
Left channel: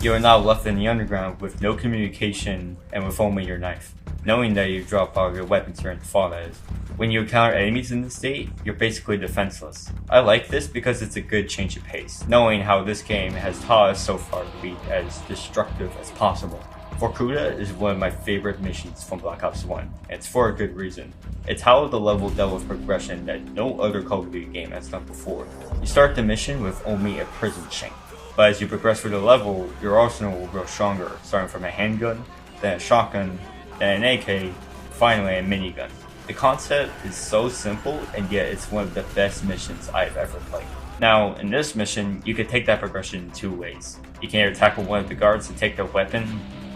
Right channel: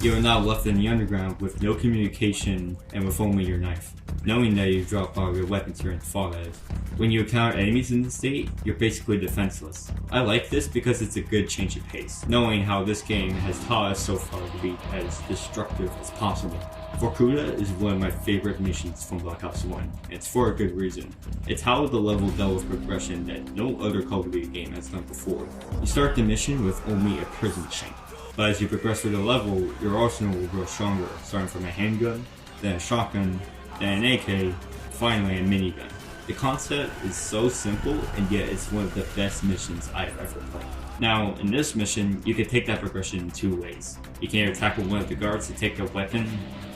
You are now left in the underground with no communication and with only your knife, knowing that you've dropped all your weapons during the fallout. When you encounter enemies in the state, you're basically defenseless. I like this because it's a good change of pace, knowing how this game has taught us so far to be as destructive as possible. Vorkuta is one of my favorite missions from Black Ops 1, and it's for a good reason. It's how the level dealt with progression that no other Call of Duty game has done before. You start the mission with only a prison shank, but as you progress through the level, your arsenal will grow stronger, starting from a handgun, then a shotgun, then an AK, finally a minigun. The concept is so simple, and yet it's one of the best missions I've ever played. Now, in this mission, you can take that progression in 2 ways. You can either tackle one of the guards to take their weapon,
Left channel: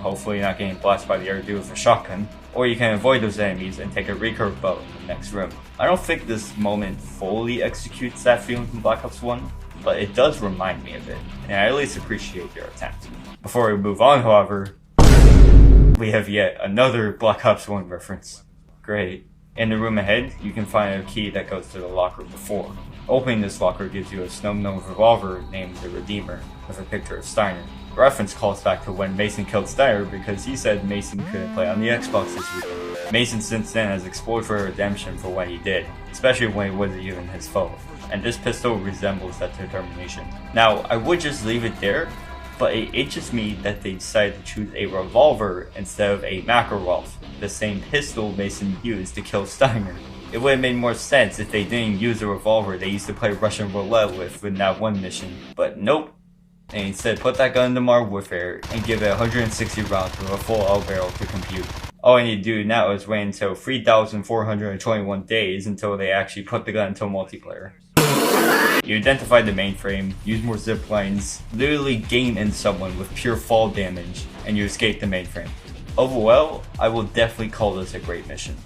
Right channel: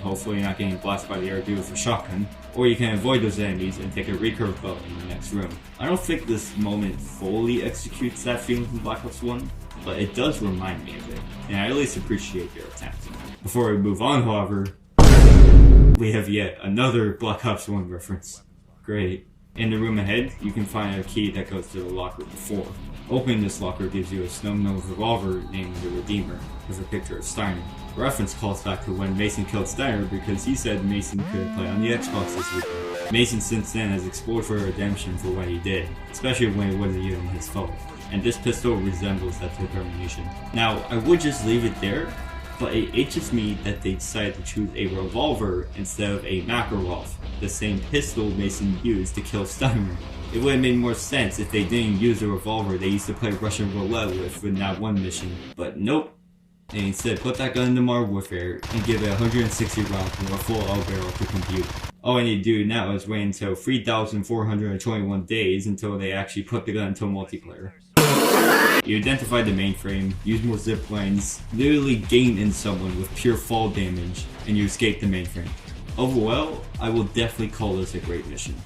hopefully not getting blasted by the air dude with a shotgun, or you can avoid those enemies and take a recurve bow in the next room. I don't think this moment fully executes that feeling from Black Ops 1, but it does remind me of it, and I at least appreciate your attempt. Before we move on, however, we have yet another Black Ops 1 reference. Great. In the room ahead, you can find a key that goes to the locker before. Opening this locker gives you a snow-nosed revolver named the Redeemer, with a picture of Steiner. The reference calls back to when Mason killed Steiner because he said Mason couldn't play on the Xbox this week. Mason since then has explored for redemption for what he did, especially when it wasn't even his fault, and this pistol resembles that determination. Now, I would just leave it there, but it itches me that they decided to choose a revolver instead of a Makarov, the same pistol Mason used to kill Steiner. It would have made more sense if they didn't use a revolver they used to play Russian roulette with in that one mission, but nope. And instead put that gun into Modern Warfare and give it 160 rounds with a full L barrel to compute. All I need to do now is wait until 3,421 days until they actually put the gun into multiplayer. You identify the mainframe, use more zip lines, literally gain in someone with pure fall damage, and you escape the mainframe. Overall, I will definitely call this a great mission.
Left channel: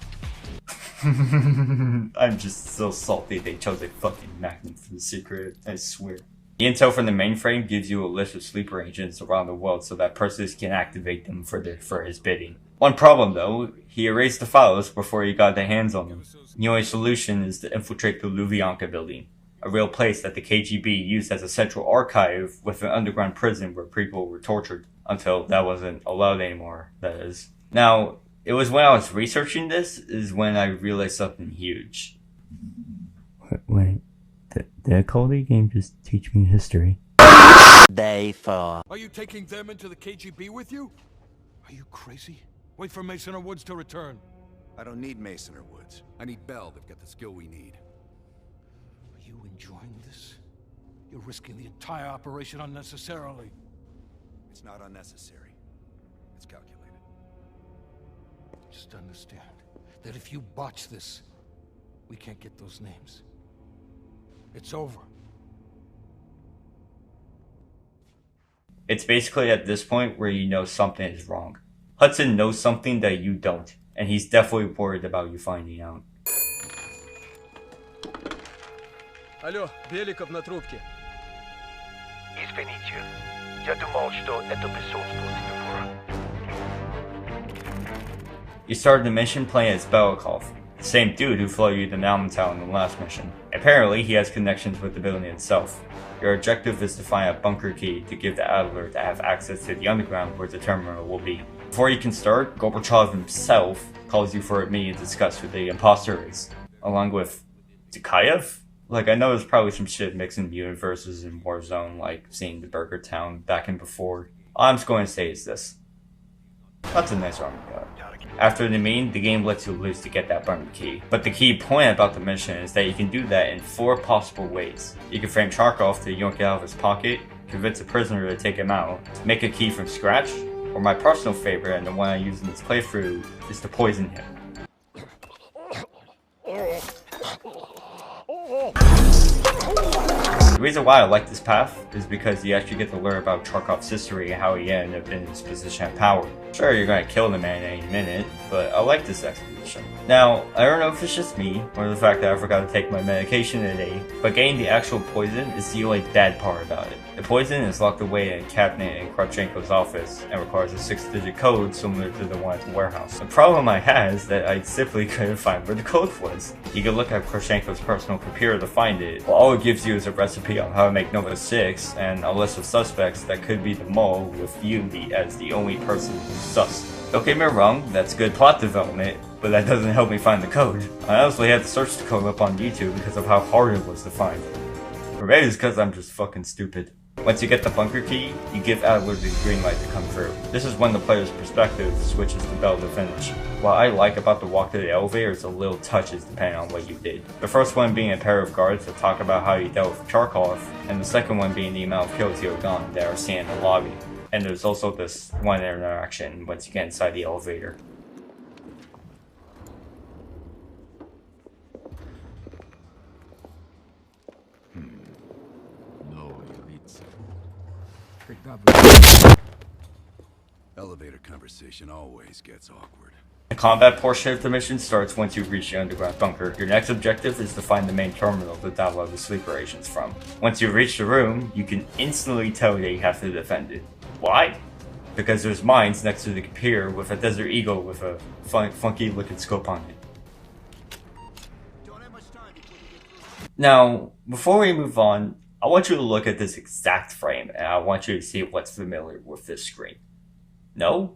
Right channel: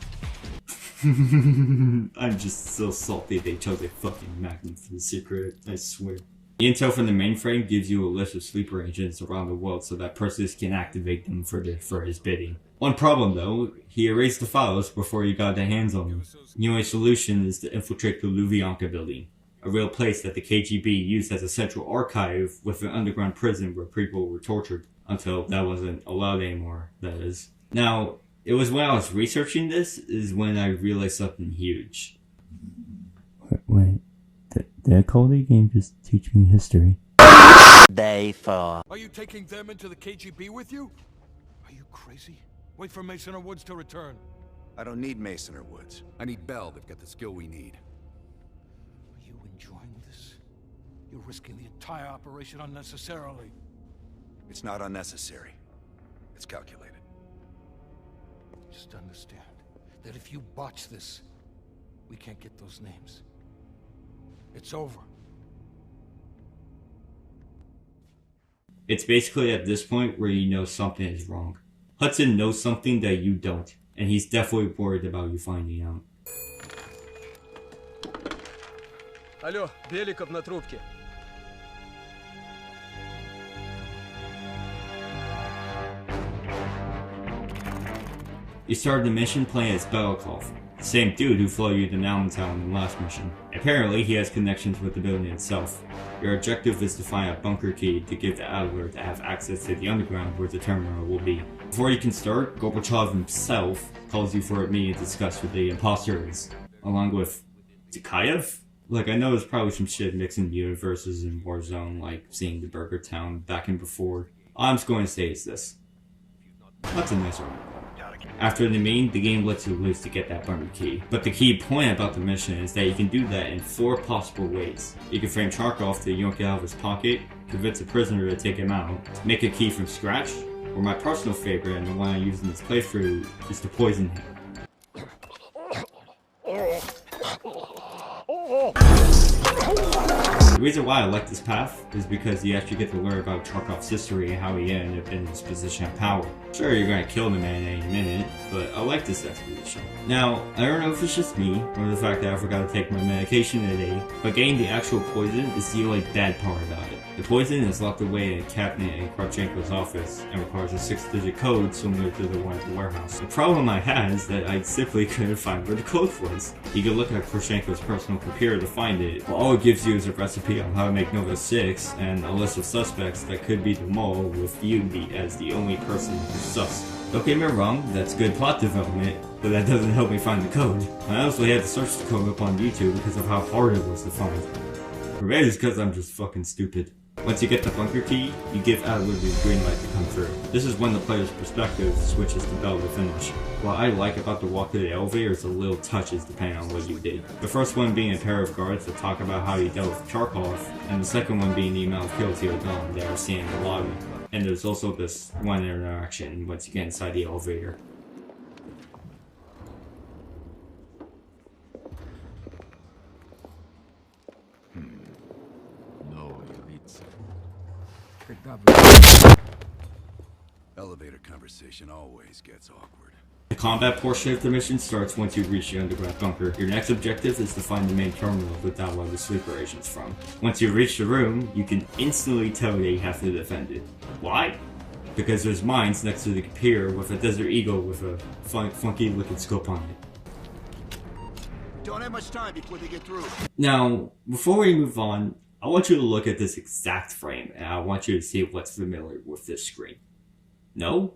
I'm just so salty they chose a fucking Magnum for the secret, I swear. The intel from the mainframe gives you a list of sleeper agents around the world so that Perseus can activate them for his bidding. One problem though, he erased the files before you got the hands on them. The only solution is to infiltrate the Lubyanka building, a real place that the KGB used as a central archive with an underground prison where people were tortured, until that wasn't allowed anymore, that is. Now, it was when I was researching this is when I realized something huge. Wait, did a Call of Duty game just teach me history? Day 4. Are you taking them into the KGB with you? Are you crazy? Wait for Mason or Woods to return. I don't need Mason or Woods. I need Bell. They've got the skill we need. Are you enjoying this? You're risking the entire operation unnecessarily. It's not unnecessary. It's calculated. Just understand that if you botch this, we can't get those names. It's over. It's basically at this point where you know something is wrong. Hudson knows something that you don't, and he's definitely worried about you finding out. Алло, Беликов на трубке. Извините, я думал, что это You started the mission playing as Belikov, the same dude who flew you to Mountain Town in the last mission. Apparently, he has connections with the building itself. Your objective is to find a bunker key to give the Adler to have access to the underground where the terminal will be. Before you can start, Gorbachev himself calls you for a meeting to discuss who the imposter is, along with Dukayev? Like, I know there's probably some shit mixing universes in Warzone, like seeing the Burger Town back and before. All I'm just going to say is this. That's a nice round. After the meeting, the game lets you loose to get that bunker key. But the key point about the mission is that you can do that in 4 possible ways. You can frame Charkov to yank out of his pocket, convince a prisoner to take him out, make a key from scratch, or my personal favorite and the one I use in this playthrough is to poison him. The reason why I like this path is because you actually get to learn about Charkov's history and how he ended up in his position of power. Sure, you're gonna kill the man any minute, but I like this expedition. Now, I don't know if it's just me, or the fact that I forgot to take my medication today, but getting the actual poison is the only bad part about it. The poison is locked away in a cabinet in Kravchenko's office and requires a 6-digit code similar to the one at the warehouse. The problem I had is that I simply couldn't find where the code was. You can look at Kravchenko's personal computer to find it, but all it gives you is a recipe on how to make Nova 6 and a list of suspects that could be the mole, with you as the only person who's sus. Don't get me wrong, that's good plot development, but that doesn't help me find the code. I honestly had to search the code up on YouTube because of how hard it was to find. Or maybe it's because I'm just fucking stupid. Once you get the bunker key, you give Adler the green light to come through. This is when the player's perspective switches to Bell to finish. What I like about the walk to the elevator is the little touches depending on what you did. The first one being a pair of guards that talk about how you dealt with Charkov, and the second one being the amount of kills you've done that are seen in the lobby. And there's also this one interaction once you get inside the elevator. Elevator conversation always gets awkward. The combat portion of the mission starts once you reach the underground bunker. Your next objective is to find the main terminal to download the sleeper agents from. Once you reach the room, you can instantly tell that you have to defend it. Why? Because there's mines next to the computer with a Desert Eagle with a funky looking scope on it. Don't have much time before they get through. Now, before we move on, I want you to look at this exact frame, and I want you to see what's familiar with this screen. No?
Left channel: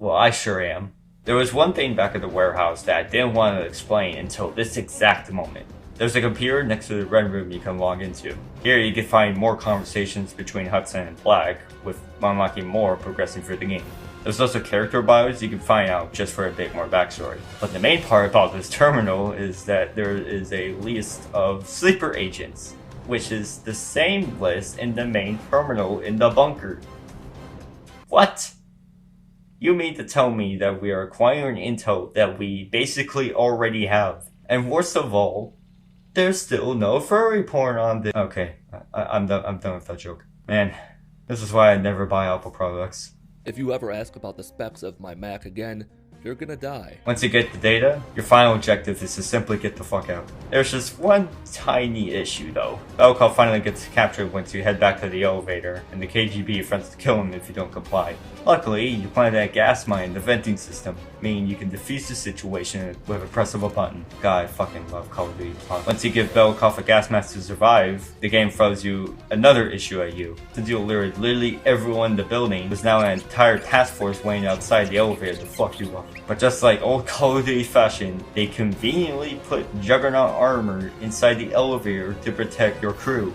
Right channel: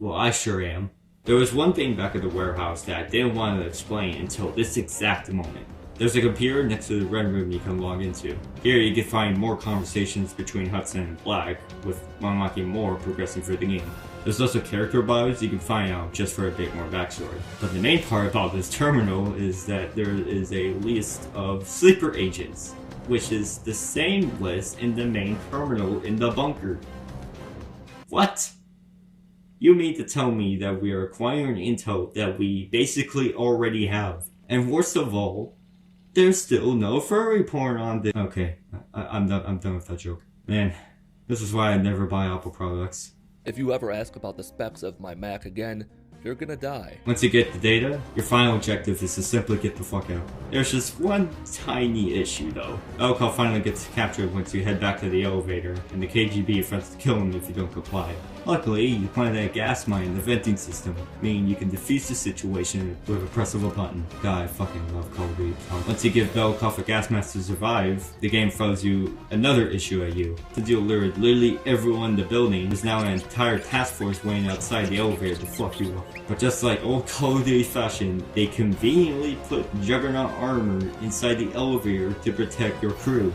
Well, I sure am. There was one thing back at the warehouse that I didn't want to explain until this exact moment. There's a computer next to the red room you can log into. Here you can find more conversations between Hudson and Black, with unlocking more progressing through the game. There's also character bios you can find out just for a bit more backstory. But the main part about this terminal is that there is a list of sleeper agents, which is the same list in the main terminal in the bunker. What? You mean to tell me that we are acquiring intel that we basically already have? And worst of all, there's still no furry porn on this. Okay, I'm done with that joke. Man, this is why I never buy Apple products. If you ever ask about the specs of my Mac again, you're gonna die. Once you get the data, your final objective is to simply get the fuck out. There's just one tiny issue though. Belikov finally gets captured once you head back to the elevator, and the KGB threatens to kill him if you don't comply. Luckily, you planted a gas mine in the venting system, meaning you can defuse the situation with a press of a button. God, I fucking love Call of Duty. Once you give Belikov a gas mask to survive, the game throws you another issue at you. Since you lured literally everyone in the building, there's now an entire task force waiting outside the elevator to fuck you up. But just like old Call of Duty fashion, they conveniently put Juggernaut armor inside the elevator to protect your crew.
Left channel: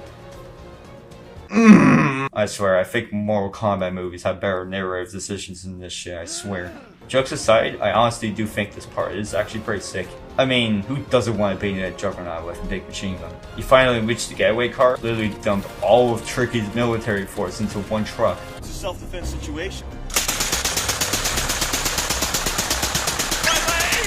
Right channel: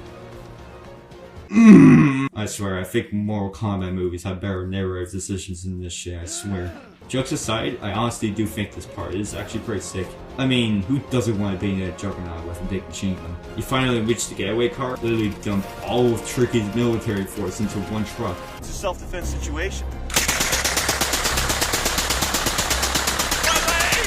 I swear, I think Mortal Kombat movies have better narrative decisions than this shit, I swear. Jokes aside, I honestly do think this part is actually pretty sick. I mean, who doesn't want to be in a juggernaut with a big machine gun? You finally reach the getaway car, literally dump all of Tricky's military force into one truck. It's a self-defense situation.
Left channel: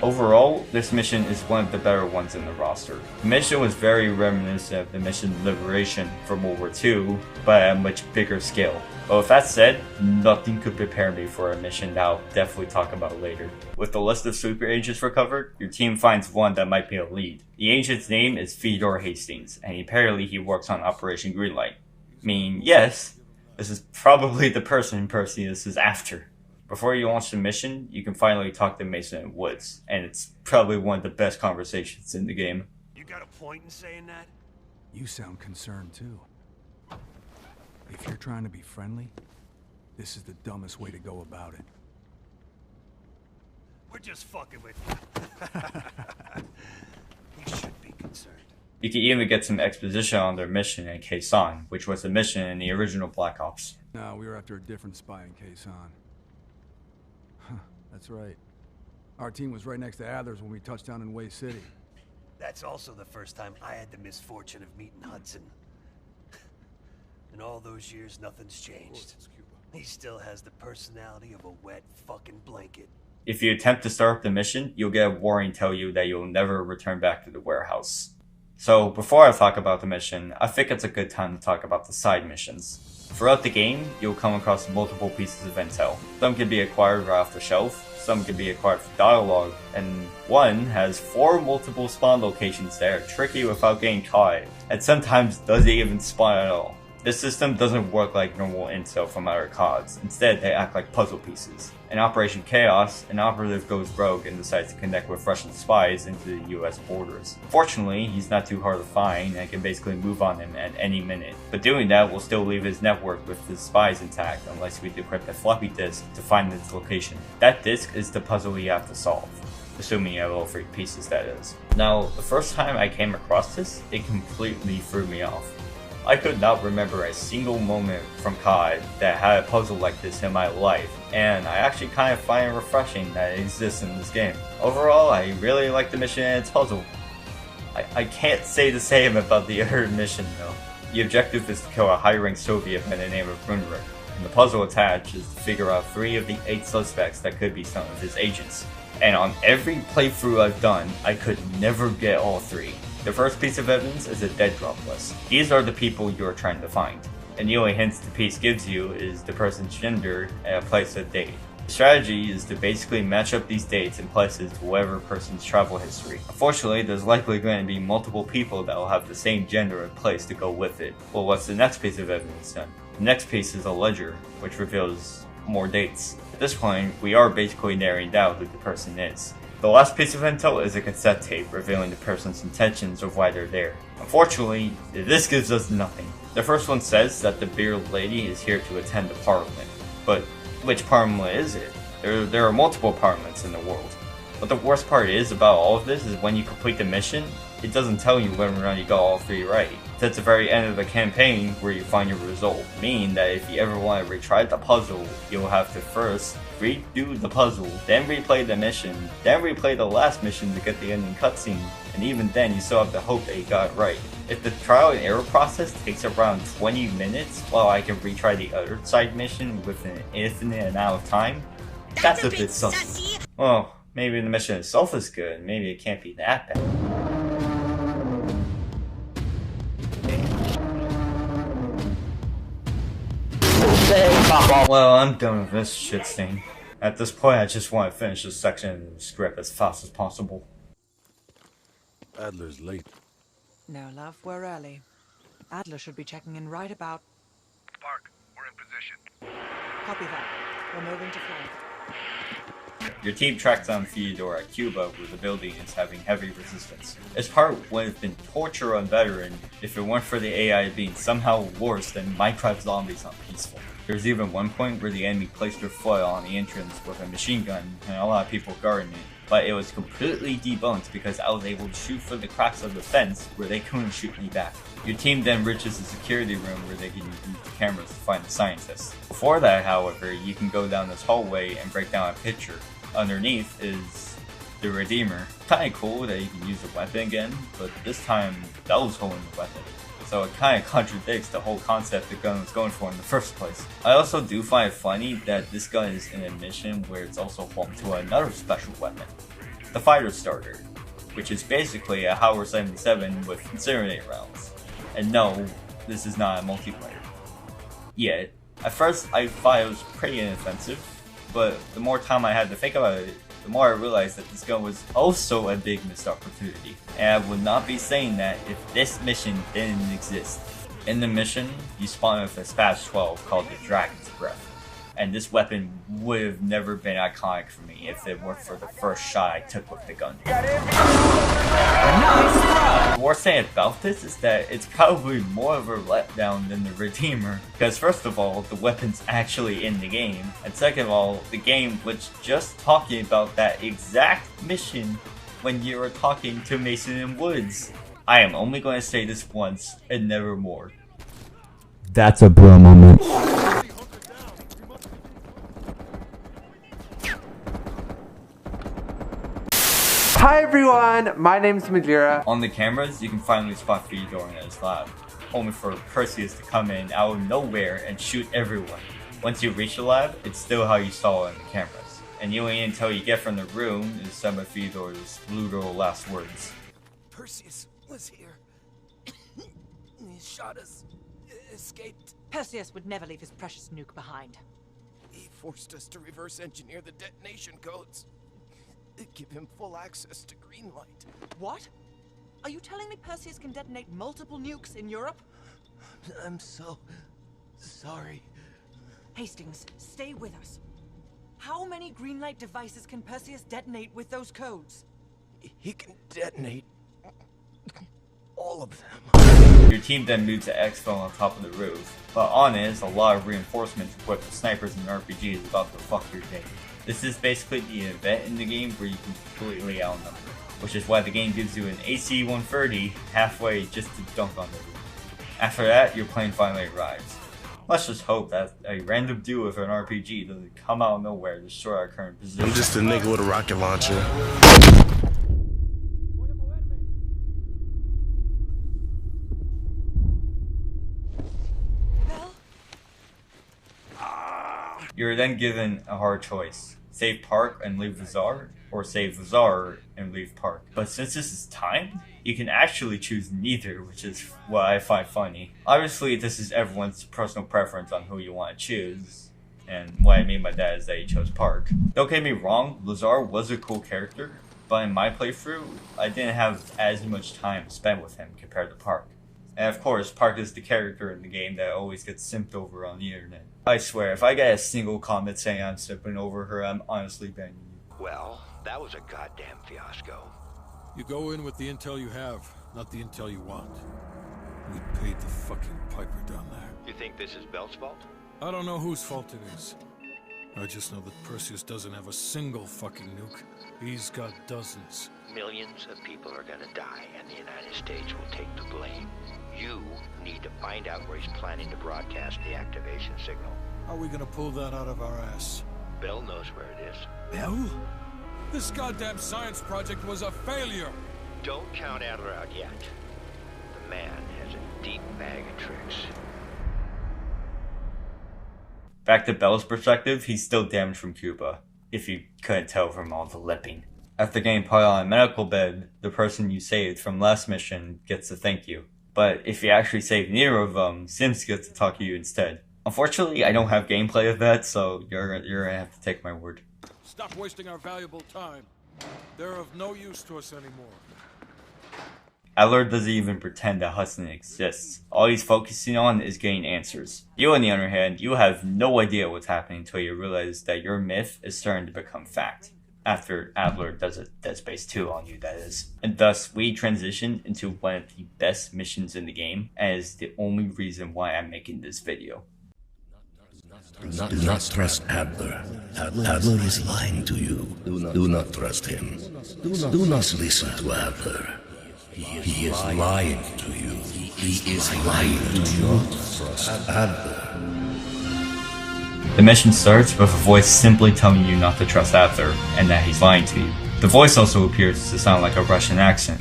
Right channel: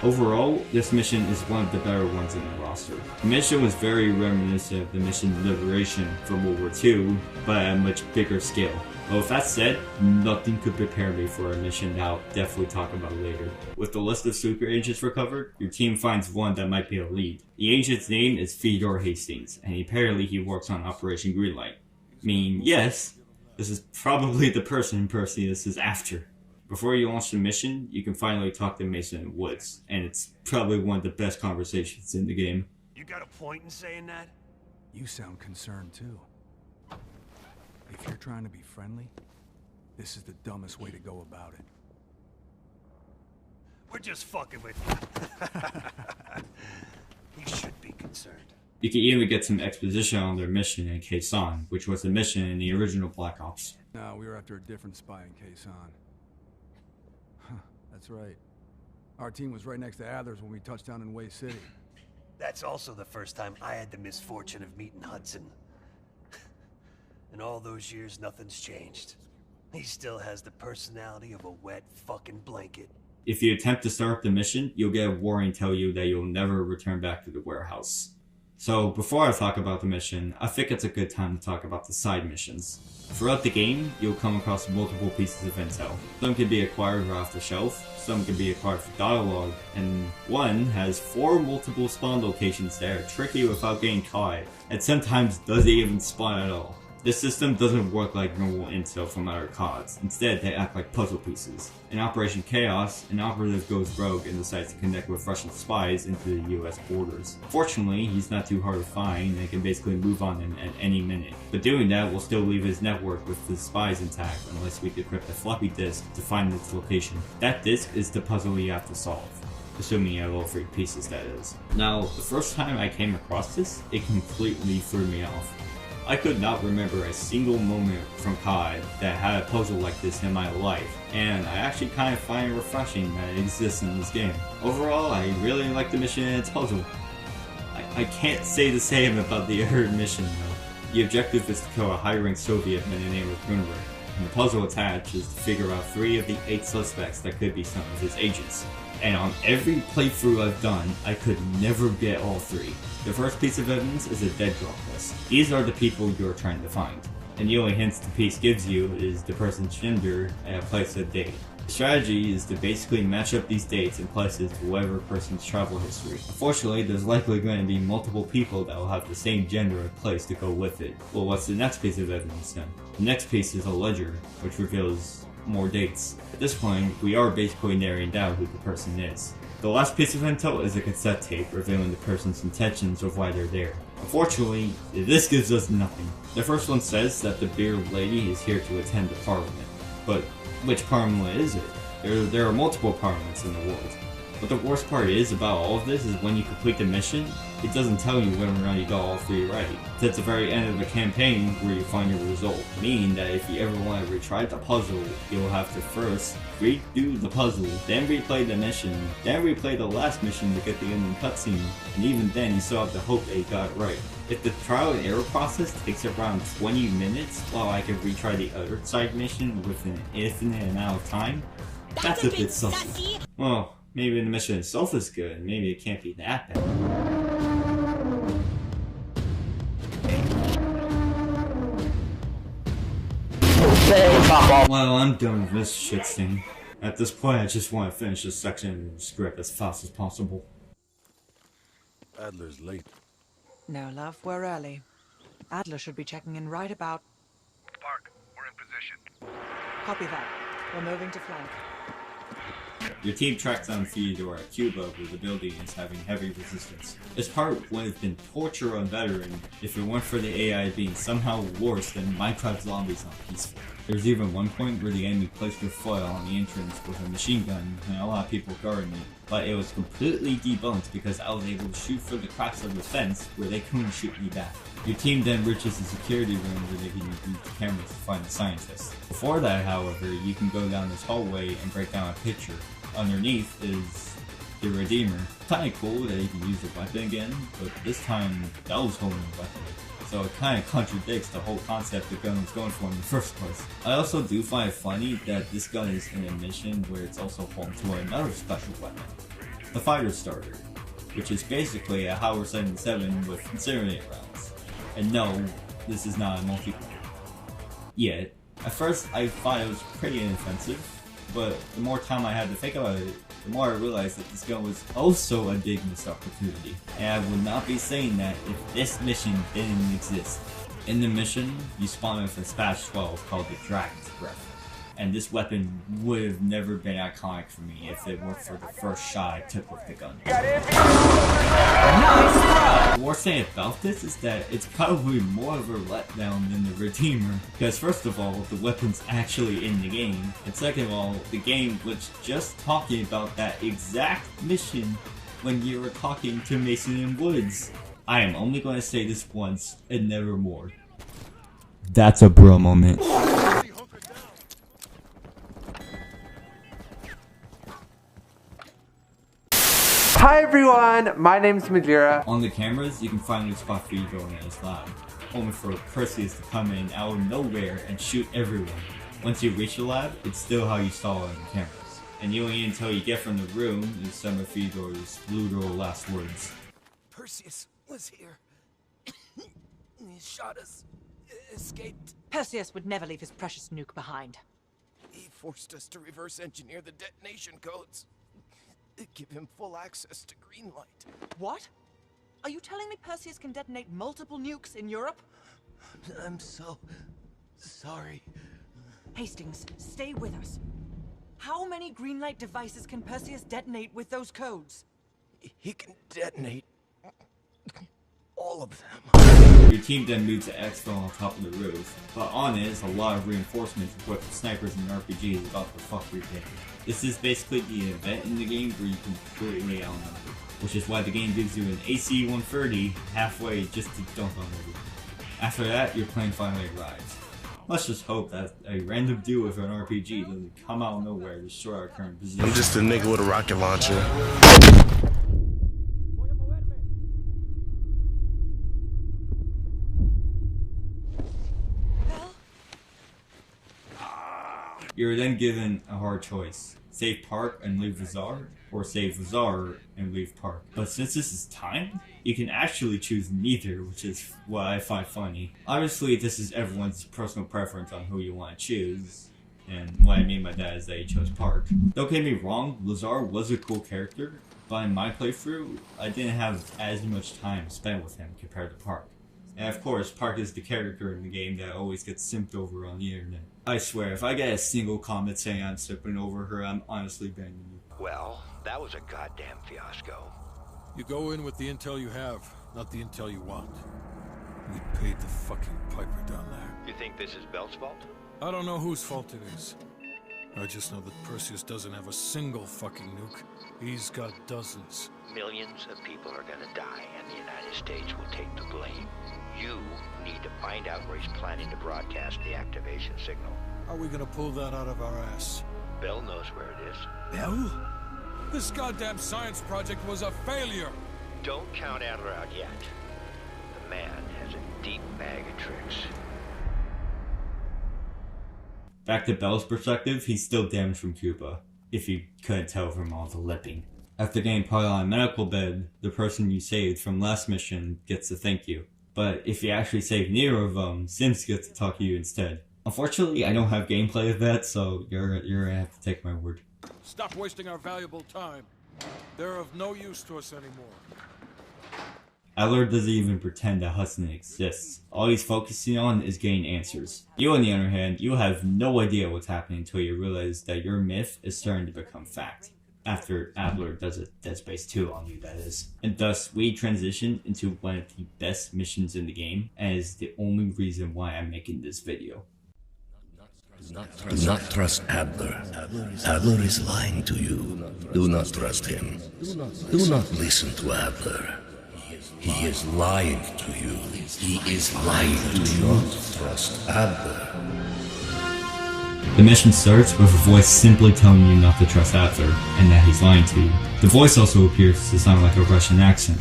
Overall, this mission is one of the better ones in the roster. The mission was very reminiscent of the mission Liberation from World War II, but at a much bigger scale. But with that said, nothing could prepare me for a mission that I'll definitely talk about later. With the list of super agents recovered, your team finds one that might be a lead. The agent's name is Theodore Hastings, and apparently he works on Operation Greenlight. I mean, yes, this is probably the person Perseus is after. Before you launch the mission, you can finally talk to Mason in Woods, and it's probably one of the best conversations in the game. You got a point in saying that? You sound concerned too. If you're trying to be friendly, this is the dumbest way to go about it. We're just fucking with you. You should be concerned. You can even get some exposition on their mission in Quezon, which was the mission in the original Black Ops. No, we were after a different spy in Quezon. Huh, that's right. Our team was right next to Adler's when we touched down in Way City. That's also the first time I had the misfortune of meeting Hudson. In all those years, nothing's changed. He still has the personality of a wet fucking blanket. If you attempt to start up the mission, you'll get a warning tell you that you'll never return back to the warehouse. So before I talk about the mission, I think it's a good time to talk about the side missions. Throughout the game, you'll come across multiple pieces of intel. Some can be acquired right off the shelf, some can be acquired through dialogue, and one has 4 multiple spawn locations that are tricky without getting caught, and sometimes doesn't even spawn at all. This system doesn't work like normal intel from other CODs. Instead, they act like puzzle pieces. In Operation Chaos, an operative goes rogue and decides to connect with Russian spies into the US borders. Fortunately, he's not too hard to find and can basically move on him at any minute. But doing that will still leave his network with his spies intact unless we decrypt a floppy disk to find its location. That disk is the puzzle you have to solve. Assuming you have all 3 pieces, that is. Now, the first time I came across this, it completely threw me off. I could not remember a single moment from COD that had a puzzle like this in my life, and I actually kind of find it refreshing that it exists in this game. Overall, I really like the mission and its puzzle. I can't say the same about the other mission though. The objective is to kill a high-ranked Soviet by the name of Brunner, and the puzzle attached is to figure out 3 of the 8 suspects that could be some of his agents. And on every playthrough I've done, I could never get all 3. The first piece of evidence is a dead drop list. These are the people you are trying to find, and the only hints the piece gives you is the person's gender and a place of date. The strategy is to basically match up these dates and places to whatever person's travel history. Unfortunately, there's likely going to be multiple people that will have the same gender and place to go with it. Well, what's the next piece of evidence then? The next piece is a ledger, which reveals more dates. At this point, we are basically narrowing down who the person is. The last piece of intel is a cassette tape revealing the person's intentions of why they're there. Unfortunately, this gives us nothing. The first one says that the bearded lady is here to attend the parliament. But which parliament is it? There are multiple parliaments in the world. But the worst part is about all of this is when you complete the mission, it doesn't tell you whether or not you got all 3 right. It's at the very end of the campaign where you find your result, meaning that if you ever want to retry the puzzle, you'll have to first redo the puzzle, then replay the mission, then replay the last mission to get the ending cutscene, and even then you still have to hope that you got it right. If the trial and error process takes around 20 minutes while I can retry the other side mission with an infinite amount of time, that's a bit sussy. Well, maybe the mission itself is good, maybe it can't be that bad. Well, I'm done with this shit stain. At this point, I just want to finish this section of the script as fast as possible. Adler's late. No, love, we're early. Adler should be checking in right about... Park, we're in position. Copy that. We're moving to flank. Your team tracks down Theodore at Cuba, where the building is having heavy resistance. This part would have been torture on veteran if it weren't for the AI being somehow worse than Minecraft zombies on peaceful. There's even one point where the enemy placed their foot on the entrance with a machine gun and a lot of people guarding it, but it was completely debunked because I was able to shoot through the cracks of the fence where they couldn't shoot me back. Your team then reaches the security room where they can use the cameras to find the scientist. Before that, however, you can go down this hallway and break down a picture. underneath is the Redeemer. Kinda cool that you can use the weapon again, but this time that was holding the weapon. So it kinda contradicts the whole concept the gun was going for in the first place. I also do find it funny that this gun is in a mission where it's also home to another special weapon, the Fighter Starter, which is basically a Howard 77 with incinerator rounds. And no, this is not a multiplayer. Yet, at first I thought it was pretty inoffensive, but the more time I had to think about it, the more I realized that this gun was also a big missed opportunity. And I would not be saying that if this mission didn't exist. In the mission, you spawn with a Spaz 12 called the Dragon's Breath. And this weapon would have never been iconic for me if it weren't for the first shot I took with the gun. The worst thing about this is that it's probably more of a letdown than the Redeemer, because first of all, the weapon's actually in the game, and second of all, the game was just talking about that exact mission when you were talking to Mason and Woods. I am only going to say this once and never more. That's a bro moment. Hi everyone, my name's Magira. On the cameras, you can finally spot Theodore in his lab, only for Perseus to come in out of nowhere and shoot everyone. Once you reach the lab, it's still how you saw it on the cameras. And you ain't until you get from the room is some of Theodore's literal last words. Perseus was here. He shot us. Escaped. Perseus would never leave his precious nuke behind. He forced us to reverse engineer the detonation codes. Give him full access to green light. What? Are you telling me Perseus can detonate multiple nukes in Europe? I'm so sorry. Hastings, stay with us. How many green light devices can Perseus detonate with those codes? He can detonate all of them. Your team then moves to exfil on top of the roof, but on it is a lot of reinforcements equipped with snipers and RPGs about to fuck your day. This is basically the event in the game where you can completely outnumber, which is why the game gives you an AC 130 halfway just to dunk on the roof. After that, your plane finally arrives. Let's just hope that a random dude with an RPG doesn't come out of nowhere and destroy our current position. I'm just a nigga with a rocket launcher. You're then given a hard choice. Save Park and leave Vazar, or save Vazar and leave Park. But since this is timed, you can actually choose neither, which is what I find funny. Obviously, this is everyone's personal preference on who you want to choose, and what I mean by that is that you chose Park. Don't get me wrong, Lazar was a cool character, but in my playthrough, I didn't have as much time spent with him compared to Park. And of course, Park is the character in the game that always gets simped over on the internet. I swear, if I get a single comment saying I'm simping over her, I'm honestly banning you. Well, that was a goddamn fiasco. You go in with the intel you have, not the intel you want. We paid the fucking piper down there. You think this is Bell's fault? I don't know whose fault it is. I just know that Perseus doesn't have a single fucking nuke. He's got dozens. Millions of people are gonna die, and the United States will take the blame. You need to find out where he's planning to broadcast the activation signal. How are we gonna pull that out of our ass? Bell knows where it is. Bell? This goddamn science project was a failure! Don't count Adler out yet. The man has a deep bag of tricks. Back to Bell's perspective, he's still damaged from Cuba, if you couldn't tell from all the lipping. After getting put on a medical bed, the person you saved from last mission gets to thank you. But if you actually save neither of them, Sims gets to talk to you instead. Unfortunately, I don't have gameplay of that, so you're gonna have to take my word. Stop wasting our valuable time. They're of no use to us anymore. Adler doesn't even pretend that Hudson exists. All he's focusing on is getting answers. You, on the other hand, you have no idea what's happening until you realize that your myth is starting to become fact. After Adler does a Dead Space 2 on you, that is. And thus, we transition into one of the best missions in the game, and is the only reason why I'm making this video. Do not trust Adler. Adler is lying to you. Do not trust him. Do not listen to Adler. He is lying to you. He is lying to you. Do not trust Adler. The mission starts with a voice simply telling you not to trust Adler, and that he's lying to you. The voice also appears to sound like a Russian accent.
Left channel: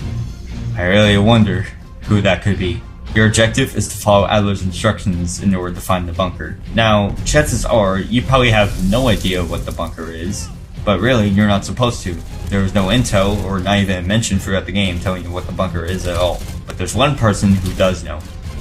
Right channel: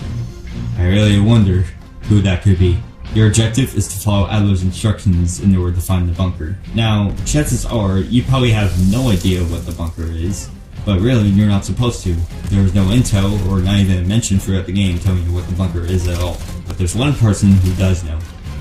I really wonder who that could be. Your objective is to follow Adler's instructions in order to find the bunker. Now, chances are, you probably have no idea what the bunker is, but really, you're not supposed to. There is no intel, or not even a mention throughout the game telling you what the bunker is at all. But there's one person who does know.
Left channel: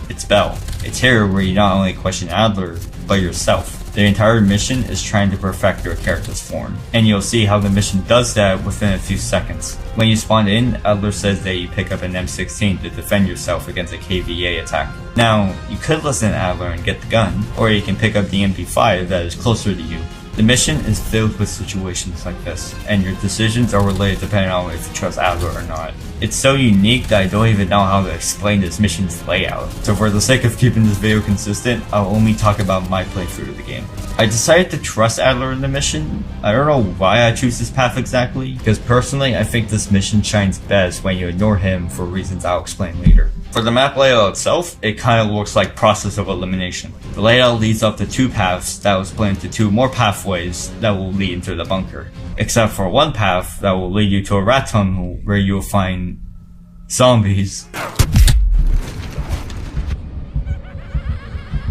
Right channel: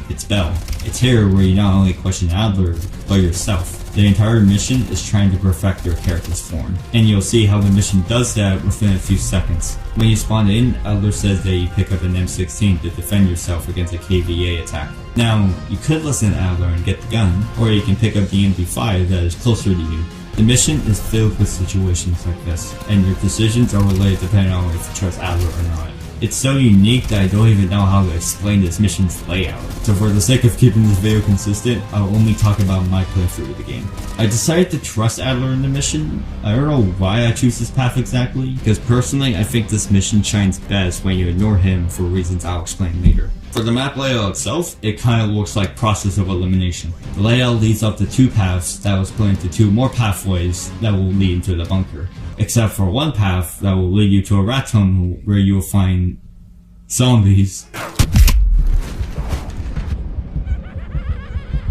It's Bell. It's here where you not only question Adler, but yourself. The entire mission is trying to perfect your character's form, and you'll see how the mission does that within a few seconds. When you spawn in, Adler says that you pick up an M16 to defend yourself against a KVA attack. Now, you could listen to Adler and get the gun, or you can pick up the MP5 that is closer to you. The mission is filled with situations like this, and your decisions are related depending on if you trust Adler or not. It's so unique that I don't even know how to explain this mission's layout, so for the sake of keeping this video consistent, I'll only talk about my playthrough of the game. I decided to trust Adler in the mission. I don't know why I choose this path exactly, because personally I think this mission shines best when you ignore him for reasons I'll explain later. For the map layout itself, it kinda looks like Process of Elimination. The layout leads up to two paths that will split into two more pathways that will lead into the bunker. Except for one path that will lead you to a rat tunnel where you will find zombies.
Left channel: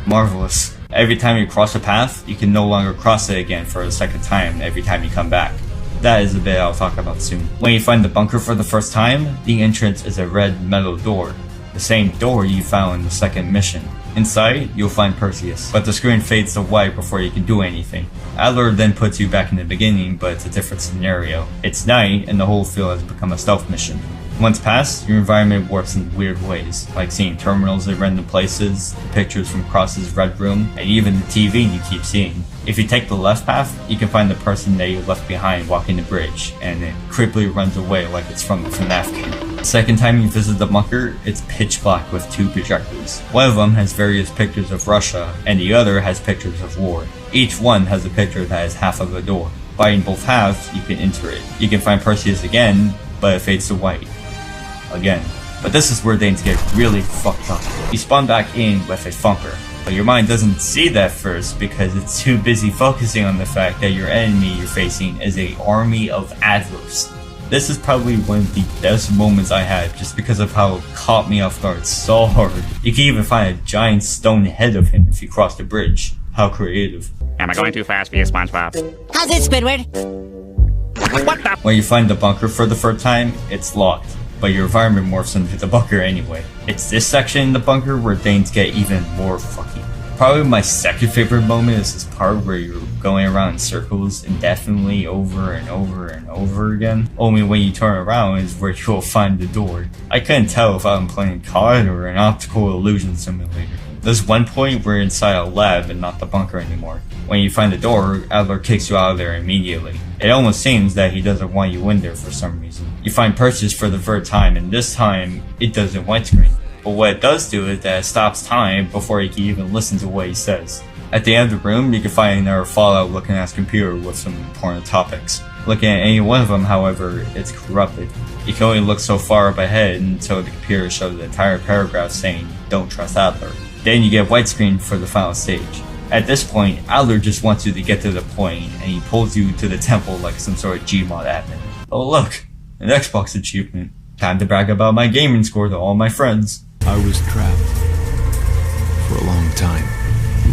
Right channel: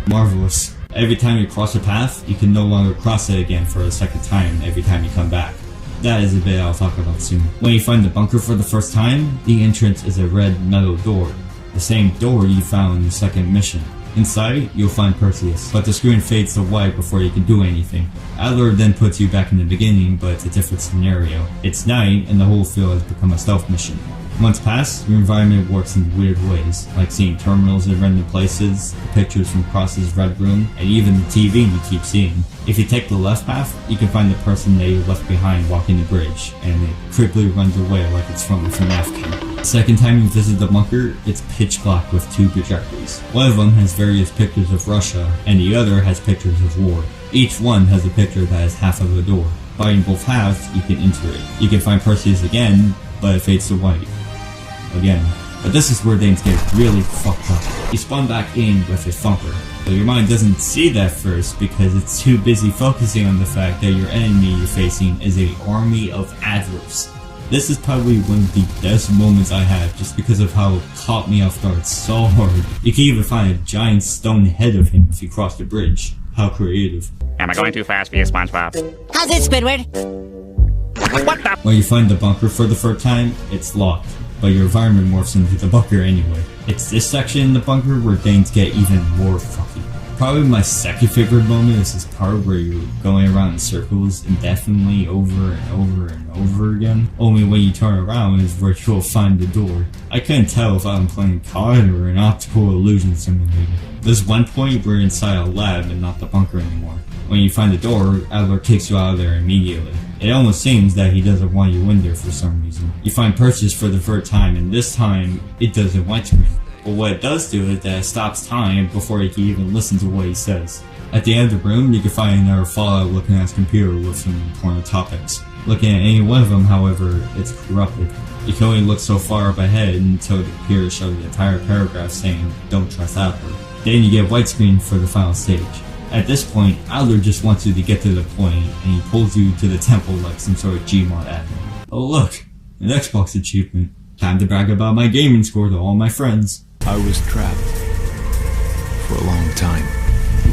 Marvelous. Every time you cross a path, you can no longer cross it again for a second time every time you come back. That is a bit I'll talk about soon. When you find the bunker for the first time, the entrance is a red metal door. The same door you found in the second mission. Inside, you'll find Perseus, but the screen fades to white before you can do anything. Adler then puts you back in the beginning, but it's a different scenario. It's night, and the whole field has become a stealth mission. Once past, your environment works in weird ways, like seeing terminals in random places, pictures from Cross's red room, and even the TV you keep seeing. If you take the left path, you can find the person that you left behind walking the bridge, and it creepily runs away like it's from a FNAF game. The second time you visit the bunker, it's pitch black with two projectors. One of them has various pictures of Russia, and the other has pictures of war. Each one has a picture that is half of a door. By both halves, you can enter it. You can find Perseus again, but it fades to white. Again. But this is where things get really fucked up. You spawn back in with a funker, but your mind doesn't see that first because it's too busy focusing on the fact that your enemy you're facing is an army of Adlers. This is probably one of the best moments I had just because of how it caught me off guard so hard. You can even find a giant stone head of him if you cross the bridge. How creative. Am I going too fast for you, SpongeBob? How's it, Squidward? What the? When you find the bunker for the first time, it's locked, but your environment morphs into the bunker anyway. It's this section in the bunker where things get even more fucky. Probably my second favorite moment is this part where you're going around in circles indefinitely over and over and over again. Only when you turn around is where you'll find the door. I couldn't tell if I'm playing COD or an optical illusion simulator. There's one point where you're inside a lab and not the bunker anymore. When you find the door, Adler kicks you out of there immediately. It almost seems that he doesn't want you in there for some reason. You find Perseus for the third time, and this time, it doesn't widescreen. But what it does do is that it stops time before you can even listen to what he says. At the end of the room, you can find another Fallout looking ass computer with some important topics. Looking at any one of them, however, it's corrupted. You can only look so far up ahead until the computer shows the entire paragraph saying, "Don't trust Adler." Then you get widescreen for the final stage. At this point, Adler just wants you to get to the point, and he pulls you to the temple like some sort of Gmod admin. Oh look, an Xbox achievement. Time to brag about my gaming score to all my friends. I was trapped for a long time.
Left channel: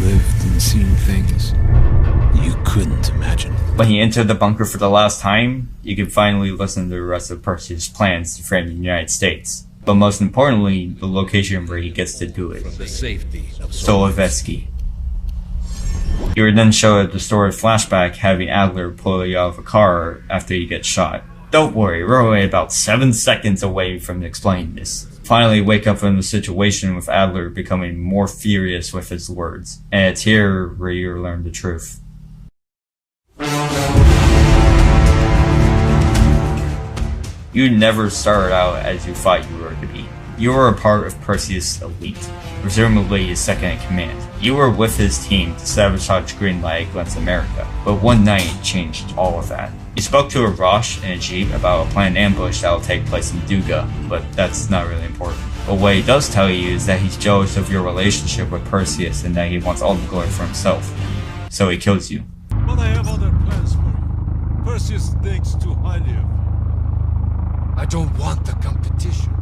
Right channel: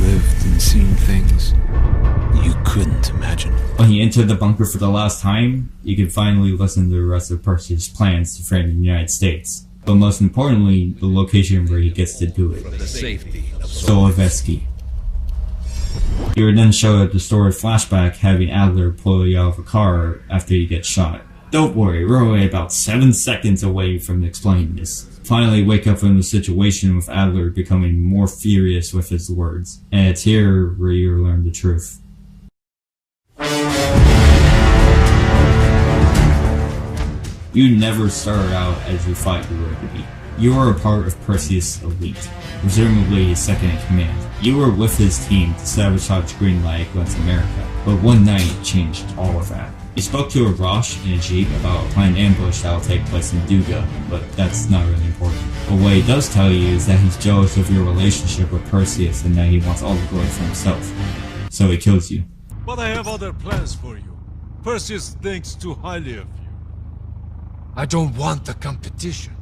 Lived and seen things you couldn't imagine. When you enter the bunker for the last time, you can finally listen to the rest of Perseus' plans to frame the United States. But most importantly, the location where he gets to do it. For the safety of Solovetsky. You are then shown a distorted flashback having Adler pull you out of a car after you get shot. Don't worry, we're only about 7 seconds away from explaining this. Finally wake up from the situation with Adler becoming more furious with his words. And it's here where you learn the truth. You never started out as you thought you were to be. You were a part of Perseus' elite, presumably his second in command. You were with his team to sabotage Greenlight against America, but one night changed all of that. You spoke to Arash and Ajib about a planned ambush that will take place in Duga, but that's not really important. But what he does tell you is that he's jealous of your relationship with Perseus and that he wants all the glory for himself. so he kills you. But I have other plans for you. Perseus thinks too highly of you. I don't want the competition.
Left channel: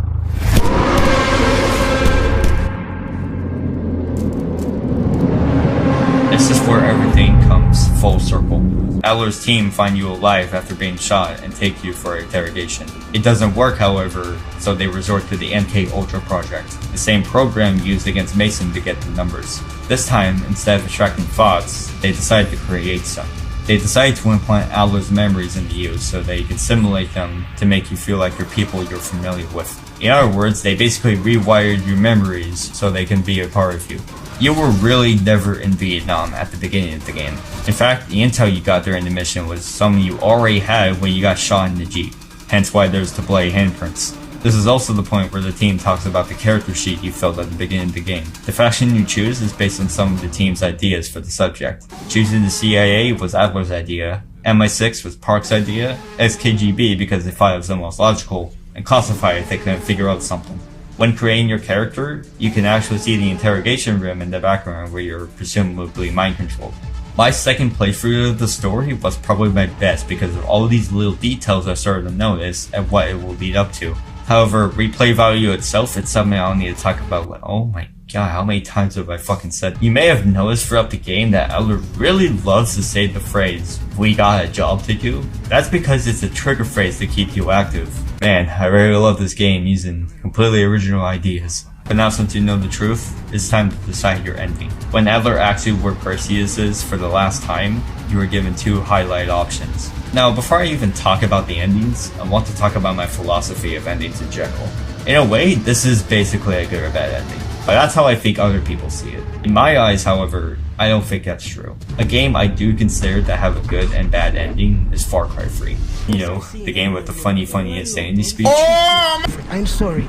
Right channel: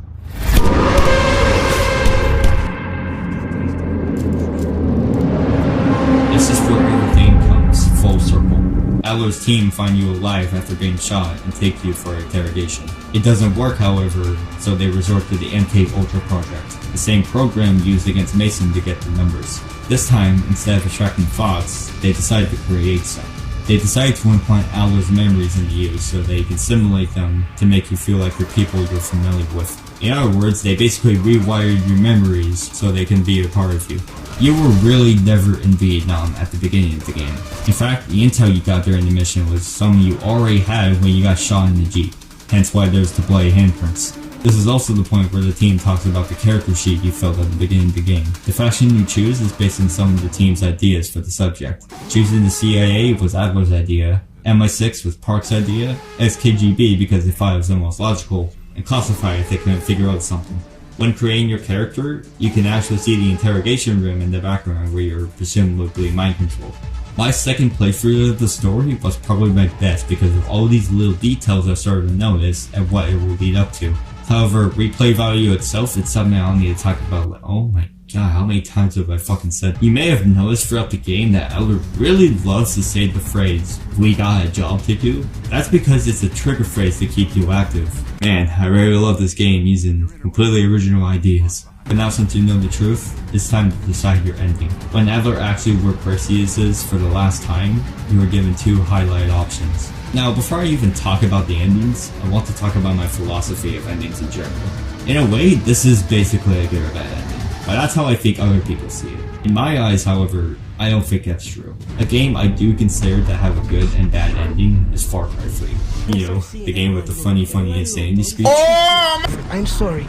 This is where everything comes full circle. Adler's team find you alive after being shot and take you for interrogation. It doesn't work, however, so they resort to the MK Ultra project, the same program used against Mason to get the numbers. This time, instead of extracting thoughts, they decide to create some. They decide to implant Adler's memories into you so that you can simulate them to make you feel like you're people you're familiar with. In other words, they basically rewired your memories so they can be a part of you. You were really never in Vietnam at the beginning of the game. In fact, the intel you got during the mission was some you already had when you got shot in the Jeep, hence why there's the bloody handprints. This is also the point where the team talks about the character sheet you filled at the beginning of the game. The faction you choose is based on some of the team's ideas for the subject. Choosing the CIA was Adler's idea, MI6 was Park's idea, SKGB because they thought it was the most logical, and Classified if they couldn't figure out something. When creating your character, you can actually see the interrogation room in the background where you're presumably mind controlled. My second playthrough of the story was probably my best because of all these little details I started to notice and what it will lead up to. However, replay value itself, it's something I don't need to talk about. Like, oh my god, how many times have I fucking said? You may have noticed throughout the game that Adler really loves to say the phrase, "We got a job to do." That's because it's a trigger phrase to keep you active. Man, I really love this game using completely original ideas. But now since you know the truth, it's time to decide your ending. When Adler asks you where Perseus is for the last time, you were given two highlight options. Now, before I even talk about the endings, I want to talk about my philosophy of endings in general. In a way, this is basically a good or bad ending, but that's how I think other people see it. In my eyes, however, I don't think that's true. A game I do consider to have a good and bad ending is Far Cry 3. You know, the game with the funny insanity speech. I'm sorry.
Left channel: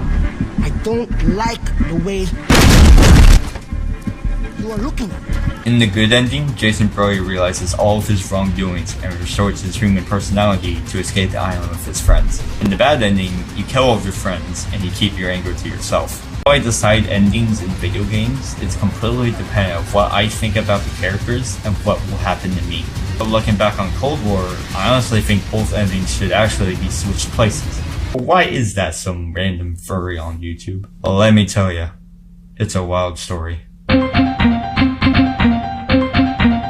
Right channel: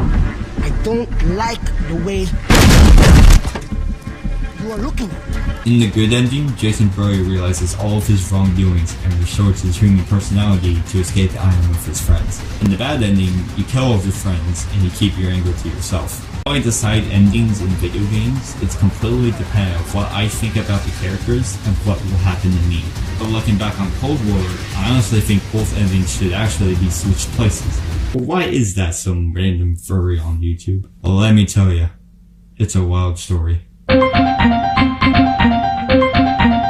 I don't like the way you are looking at me. In the good ending, Jason Brody realizes all of his wrongdoings and restores his human personality to escape the island with his friends. In the bad ending, you kill all of your friends and you keep your anger to yourself. How I decide endings in video games is completely dependent on what I think about the characters and what will happen to me. But looking back on Cold War, I honestly think both endings should actually be switched places. But why is that some random furry on YouTube? Well, let me tell you, it's a wild story.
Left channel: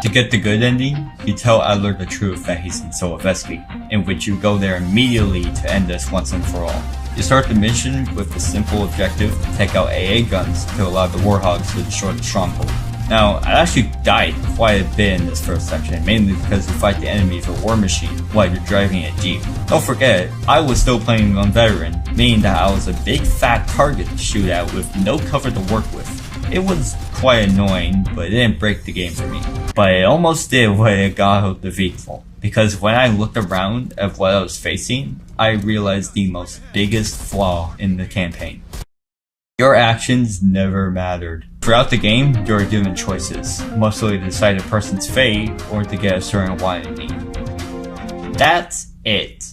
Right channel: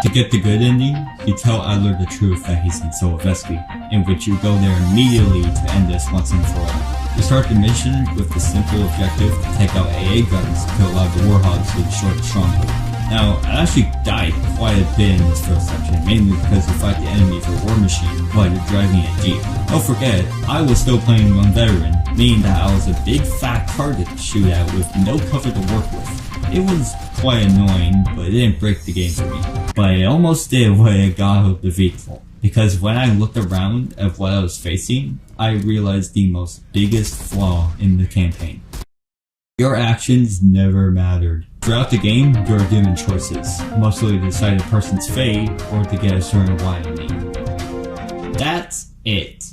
To get the good ending, you tell Adler the truth that he's in Solovetsky, in which you go there immediately to end this once and for all. You start the mission with the simple objective to take out AA guns to allow the Warhogs to destroy the stronghold. Now, I actually died quite a bit in this first section, mainly because you fight the enemy with a war machine while you're driving a Jeep. Don't forget, I was still playing on Veteran, meaning that I was a big fat target to shoot at with no cover to work with. It was quite annoying, but it didn't break the game for me. But it almost did what it got out of the vehicle, because when I looked around at what I was facing, I realized the most biggest flaw in the campaign. Your actions never mattered. Throughout the game, you are given choices, mostly to decide a person's fate or to get a certain loyalty. That's it.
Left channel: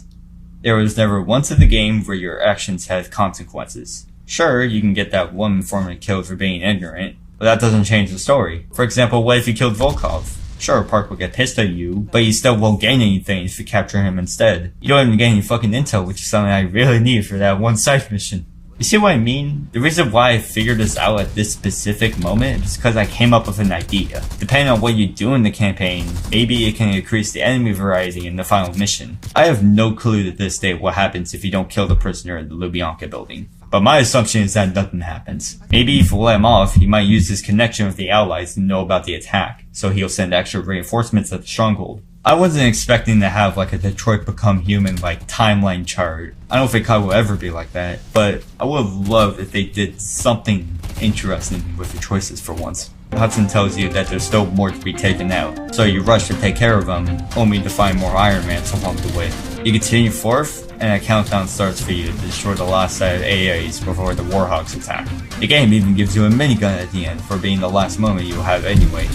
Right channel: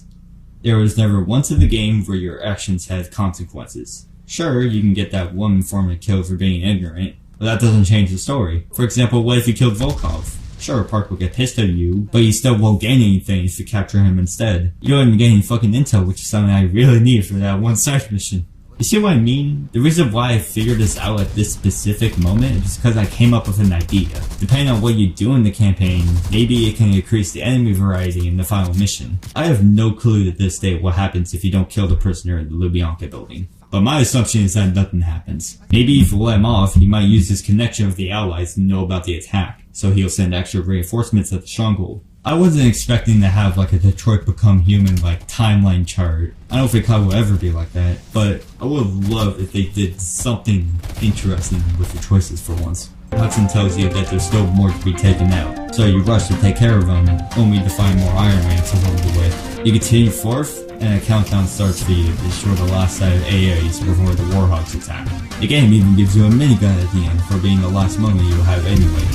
There was never once in the game where your actions had consequences. Sure, you can get that one informant killed for being ignorant, but that doesn't change the story. For example, what if you killed Volkov? Sure, Park will get pissed at you, but you still won't gain anything if you capture him instead. You don't even get any fucking intel, which is something I really need for that one side mission. You see what I mean? The reason why I figured this out at this specific moment is because I came up with an idea. Depending on what you do in the campaign, maybe it can increase the enemy variety in the final mission. I have no clue to this day what happens if you don't kill the prisoner in the Lubyanka building. But my assumption is that nothing happens. Maybe if you let him off, he might use his connection with the Allies to know about the attack, so he'll send extra reinforcements at the stronghold. I wasn't expecting to have like a Detroit Become Human like timeline chart. I don't think I will ever be like that, but I would have loved if they did something interesting with the choices for once. Hudson tells you that there's still more to be taken out, so you rush to take care of them, only to find more Iron Mans along the way. You continue forth, and a countdown starts for you to destroy the last set of AAs before the Warhogs attack. The game even gives you a minigun at the end for being the last moment you'll have anyway.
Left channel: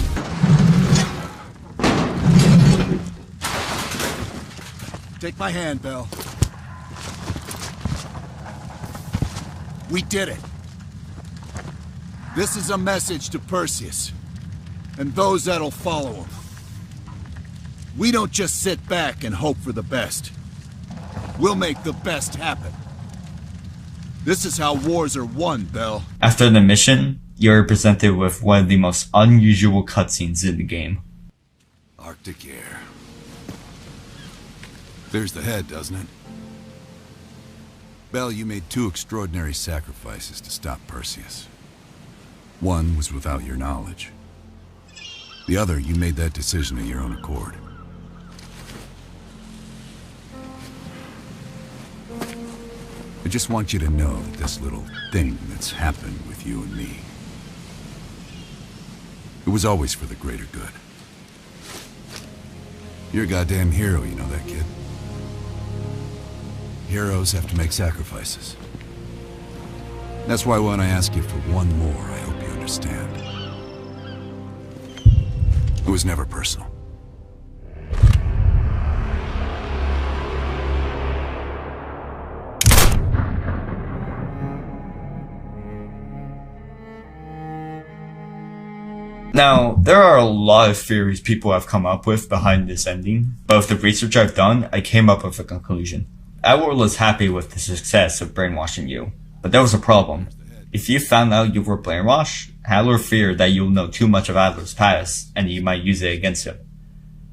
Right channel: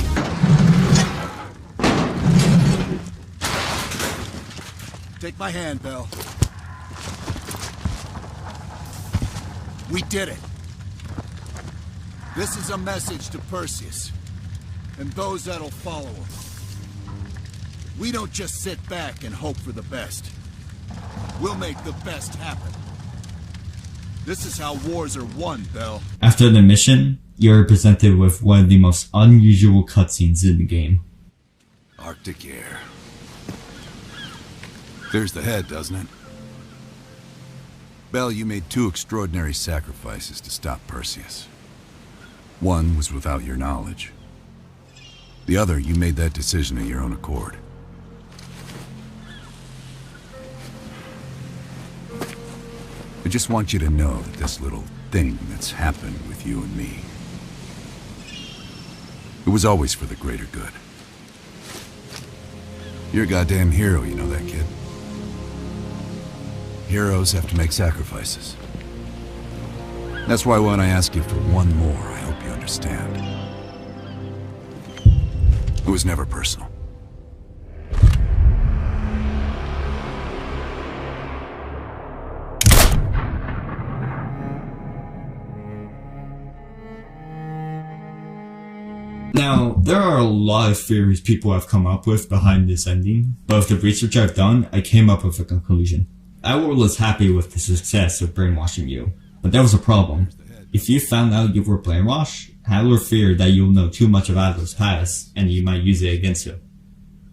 Take my hand, Bell. We did it. This is a message to Perseus, and those that'll follow him. We don't just sit back and hope for the best. We'll make the best happen. This is how wars are won, Bell. After the mission, you're presented with one of the most unusual cutscenes in the game. Arctic air. There's the head, doesn't it? Bell, you made 2 extraordinary sacrifices to stop Perseus. One was without your knowledge. The other, you made that decision of your own accord. I just want you to know that this little thing that's happened with you and me, it was always for the greater good. You're a goddamn hero, you know that, kid? Heroes have to make sacrifices. That's why when I ask you for one more, I hope you understand. It was never personal. Now, there are a lot of theories people have come up with behind this ending, but with the research I've done, I came up with a conclusion. Adler was happy with the success of brainwashing you, but there was a problem. If you found out you were brainwashed, Adler feared that you'll know too much of Adler's past, and you might use it against him,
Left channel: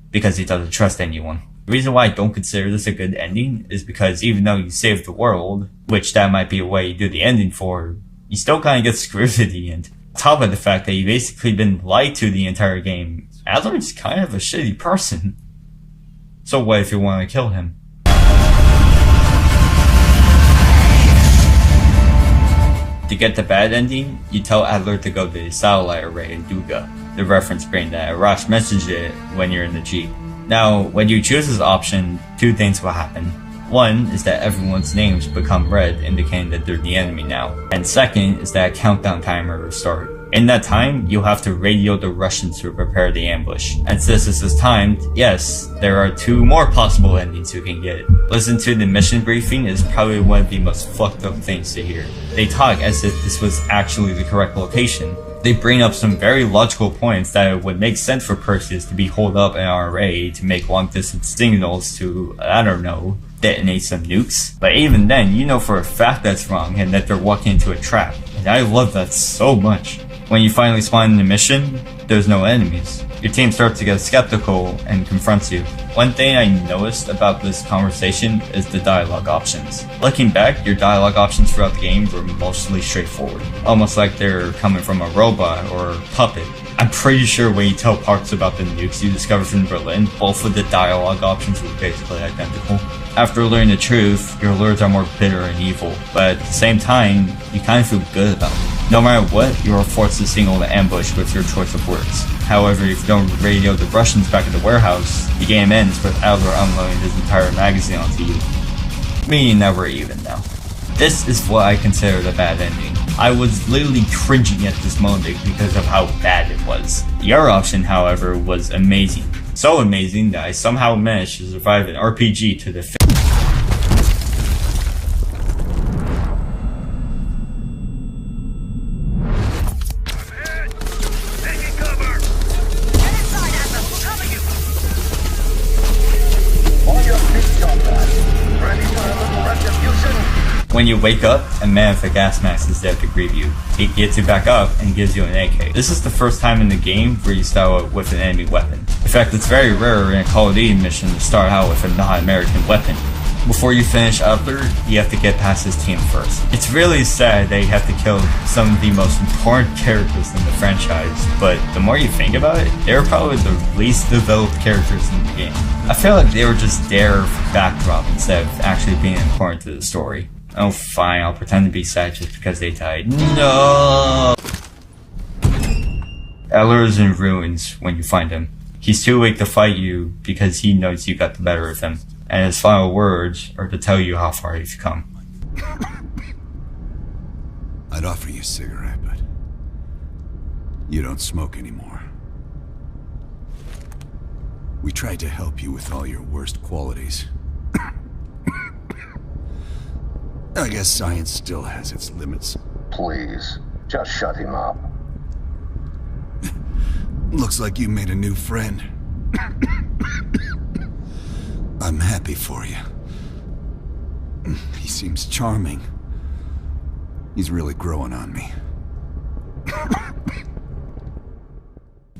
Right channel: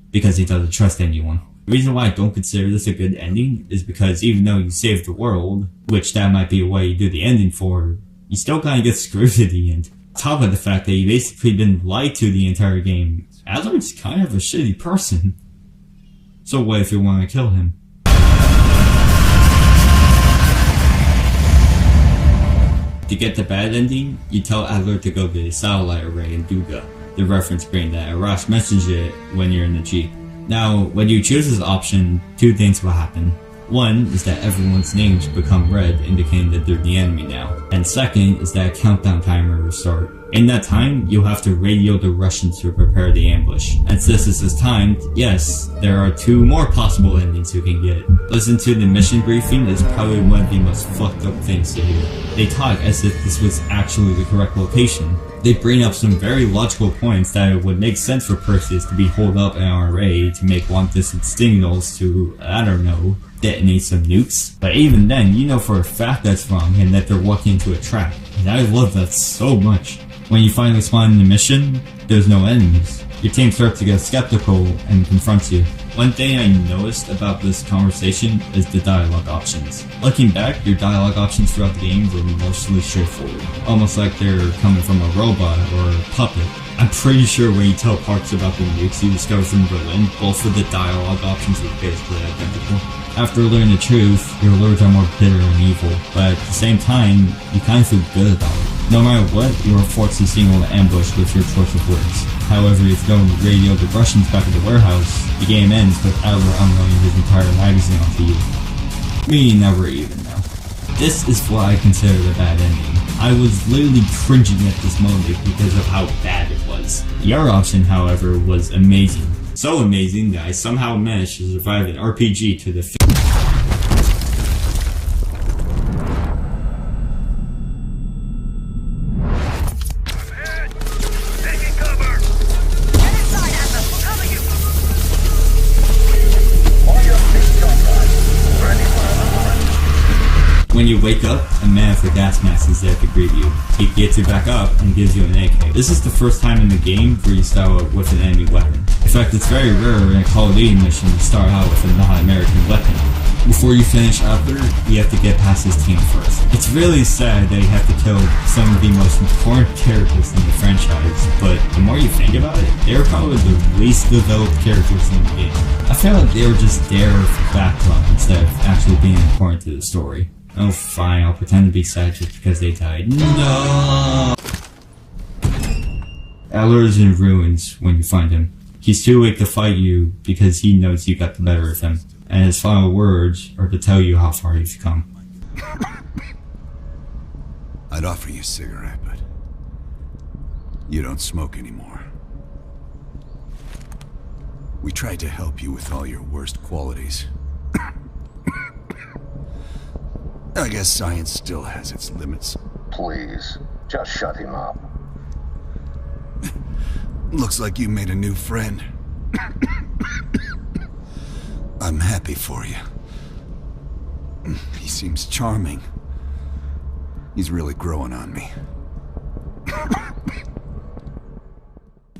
because he doesn't trust anyone. The reason why I don't consider this a good ending is because even though you saved the world, which that might be a way you do the ending for, you still kinda get screwed at the end. On top of the fact that you've basically been lied to the entire game, Adler is kind of a shitty person. So what if you want to kill him? To get the bad ending, you tell Adler to go to the satellite array in Duga, the reference brain that Arash mentions it when you're in the Jeep. Now, when you choose this option, 2 things will happen. One is that everyone's names become red, indicating that they're the enemy now. And second is that a countdown timer will start. In that time, you'll have to radio the Russians to prepare the ambush. And since this is timed, yes, there are 2 more possible endings you can get. Listen to the mission briefing is probably one of the most fucked up things to hear. They talk as if this was actually the correct location. They bring up some very logical points that it would make sense for Perseus to be holed up in our array to make long distance signals to, I don't know, detonate some nukes. But even then, you know for a fact that's wrong and that they're walking into a trap. And I love that so much. When you finally spawn in the mission, there's no enemies. Your team starts to get skeptical and confronts you. One thing I noticed about this conversation is the dialogue options. Looking back, your dialogue options throughout the game were mostly straightforward. Almost like they're coming from a robot or a puppet. I'm pretty sure when you tell Parks about the nukes you discovered from Berlin, both of the dialogue options were basically identical. After learning the truth, your lords are more bitter and evil, but at the same time, you kind of feel good about it. No matter what, you are forced to signal the ambush with your choice of words. However, if you don't radio the Russians back at the warehouse, the game ends with Adler unloading his entire magazine onto you. Meaning that we're even now. This is what I consider the bad ending. I was literally cringing at this moment because of how bad it was. The other option, however, was amazing. So amazing that I somehow managed to survive an RPG to the When you wake up, a man with a gas mask is there to greet you. He gets you back up and gives you an AK. This is the first time in the game where you start out with an enemy weapon. In fact, it's very rare in a Call of Duty mission to start out with a non-American weapon. Before you finish Adler, you have to get past his team first. It's really sad that you have to kill some of the most important characters in the franchise, but the more you think about it, they're probably the least developed characters in the game. I feel like they were just there for backdrop instead of actually being important to the story. Oh fine, I'll pretend to be sad just because they died. No! Adler is in ruins when you find him. He's too weak to fight you because he knows you got the better of him. And his final words are to tell you how far you've come. I'd offer you a cigarette, but you don't smoke anymore. We tried to help you with all your worst qualities. I guess science still has its limits. Please, just shut him up. Looks like you made a new friend. I'm happy for you. He seems charming. He's really growing on me.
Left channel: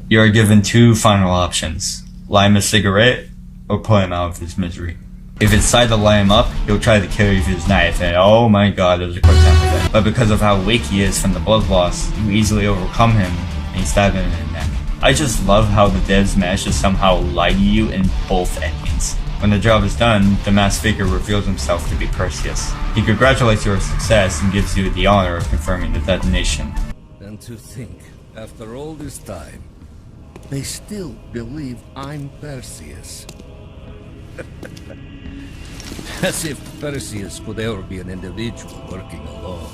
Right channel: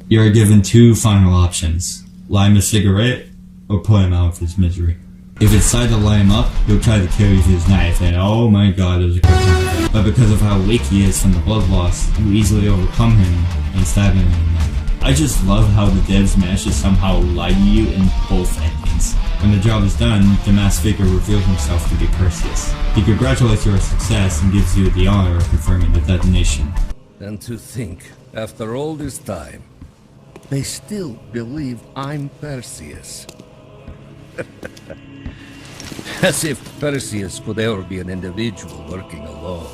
You are given two final options. Light him a cigarette, or put him out of his misery. If it's decided to light him up, he'll try to kill you with his knife, and oh my god, it was a quick time event. But because of how weak he is from the blood loss, you easily overcome him, and stab him in the neck. I just love how the devs managed to somehow lie to you in both endings. When the job is done, the masked figure reveals himself to be Perseus. He congratulates your success and gives you the honor of confirming the detonation. And to think, after all this time, they still believe I'm Perseus. As if Perseus could ever be an individual working alone.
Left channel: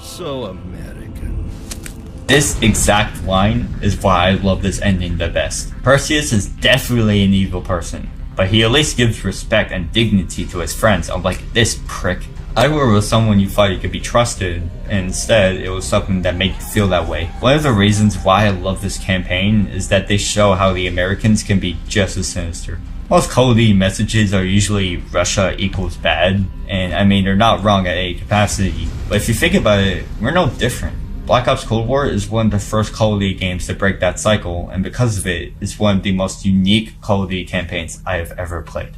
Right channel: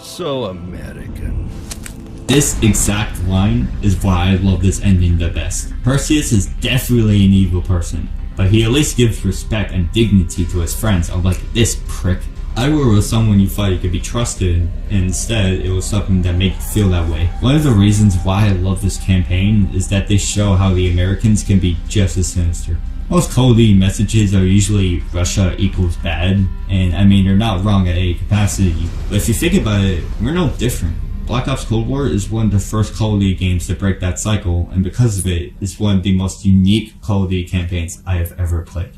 So American. This exact line is why I love this ending the best. Perseus is definitely an evil person, but he at least gives respect and dignity to his friends, unlike this prick. Ivor was someone you thought you could be trusted, and instead it was something that made you feel that way. One of the reasons why I love this campaign is that they show how the Americans can be just as sinister. Most Call of Duty messages are usually Russia equals bad, and I mean they're not wrong at any capacity, but if you think about it, we're no different. Black Ops Cold War is one of the first Call of Duty games to break that cycle, and because of it, it's one of the most unique Call of Duty campaigns I have ever played.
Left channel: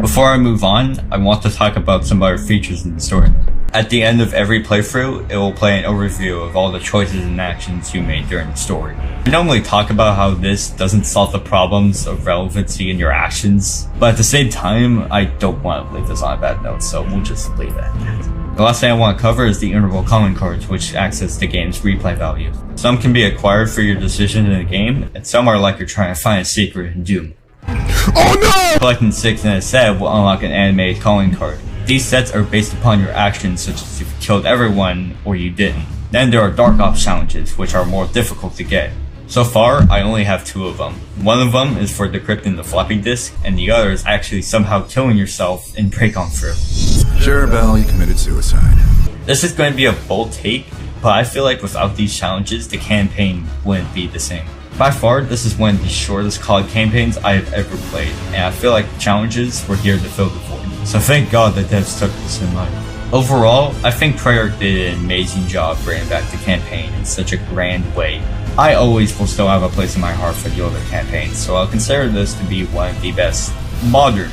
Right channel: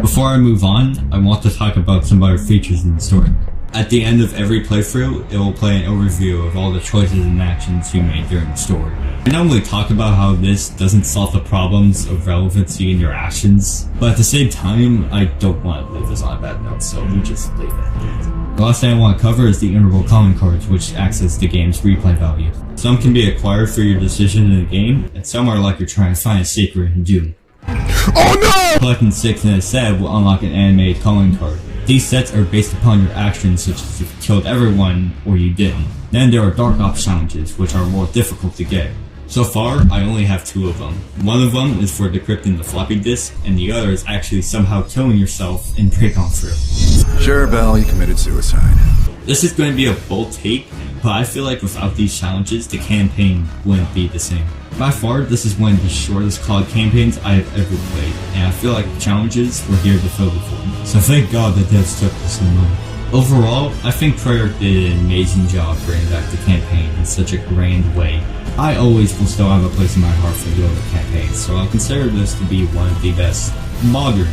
Before I move on, I want to talk about some other features in the story. At the end of every playthrough, it will play an overview of all the choices and actions you made during the story. We normally talk about how this doesn't solve the problems of relevancy in your actions, but at the same time, I don't want to leave this on a bad note, so we'll just leave it at that. The last thing I want to cover is the interval calling cards, which access the game's replay value. Some can be acquired for your decision in the game, and some are like you're trying to find a secret in Doom. Oh no! Collecting 6 in a set will unlock an animated calling card. These sets are based upon your actions, such as if you killed everyone or you didn't. Then there are Dark Ops challenges, which are more difficult to get. So far, I only have 2 of them. One of them is for decrypting the floppy disk, and the other is actually somehow killing yourself in Break-On Through. Sure, Bell, you committed suicide. This is going to be a bold take, but I feel like without these challenges, the campaign wouldn't be the same. By far, this is one of the shortest COD campaigns I have ever played, and I feel like the challenges were here to fill the void. So thank God the devs took this in mind. Overall, I think Prologue did an amazing job bringing back the campaign in such a grand way. I always will still have a place in my heart for the older campaigns, so I'll consider this to be one of the best modern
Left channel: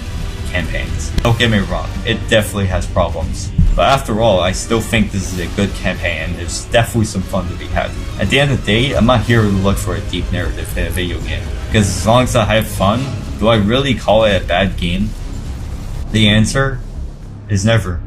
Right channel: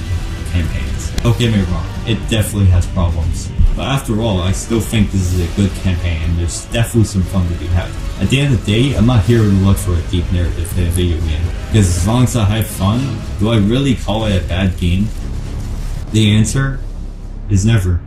campaigns. Don't get me wrong, it definitely has problems. But after all, I still think this is a good campaign and there's definitely some fun to be had. At the end of the day, I'm not here to look for a deep narrative in a video game. Because as long as I have fun, do I really call it a bad game? The answer is never.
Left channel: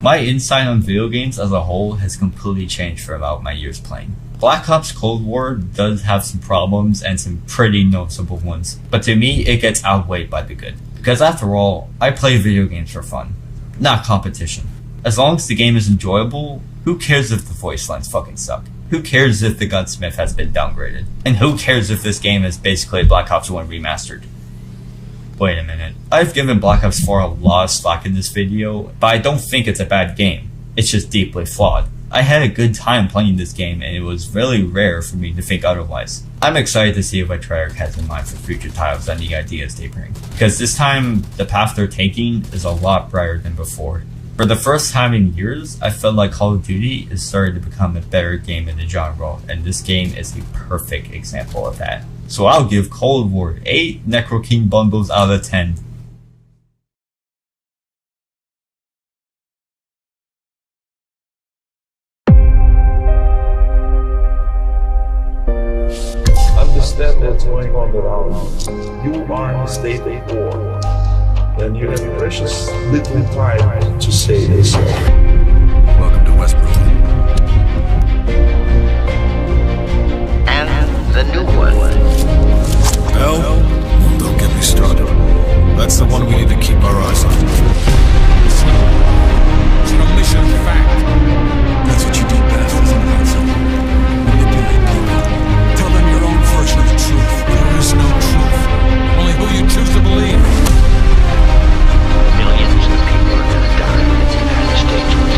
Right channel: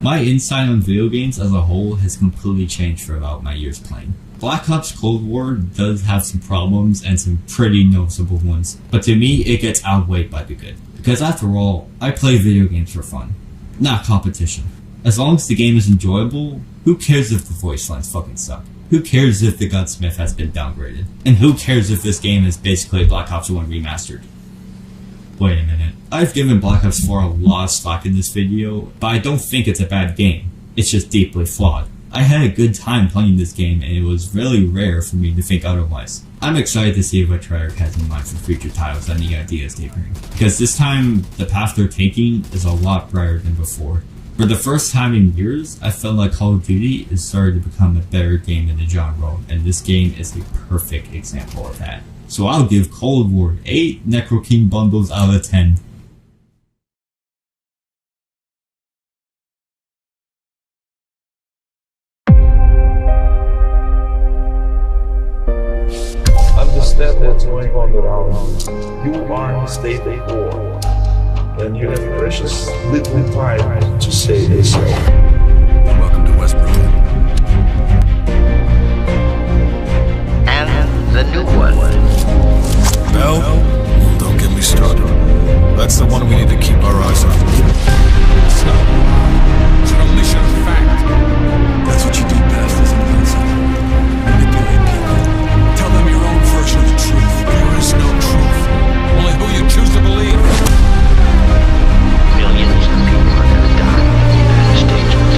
My insight on video games as a whole has completely changed throughout my years playing. Black Ops Cold War does have some problems and some pretty noticeable ones, but to me it gets outweighed by the good. Because after all, I play video games for fun, not competition. As long as the game is enjoyable, who cares if the voice lines fucking suck? Who cares if the gunsmith has been downgraded? And who cares if this game is basically Black Ops 1 Remastered? Wait a minute, I've given Black Ops 4 a lot of slack in this video, but I don't think it's a bad game. It's just deeply flawed. I had a good time playing this game and it was really rare for me to think otherwise. I'm excited to see what Treyarch has in mind for future titles and the ideas they bring, because this time the path they're taking is a lot brighter than before. For the first time in years, I felt like Call of Duty is starting to become a better game in the genre, and this game is the perfect example of that. So I'll give Cold War 8 Necro King bundles out of 10. Understand what's going on around you. You are in a state of war, and you have precious little time to save yourself. Welcome to West Berlin. And the new one. Bell? Don't get me started. That's the one we need to keep our eyes on. It's not a lie. It's an omission of fact. That's what you do best, isn't it, Hudson? Manipulate people. Tell them your own version of the truth. There is no truth. Only who you choose to believe. Millions of people are going to die, and the United States will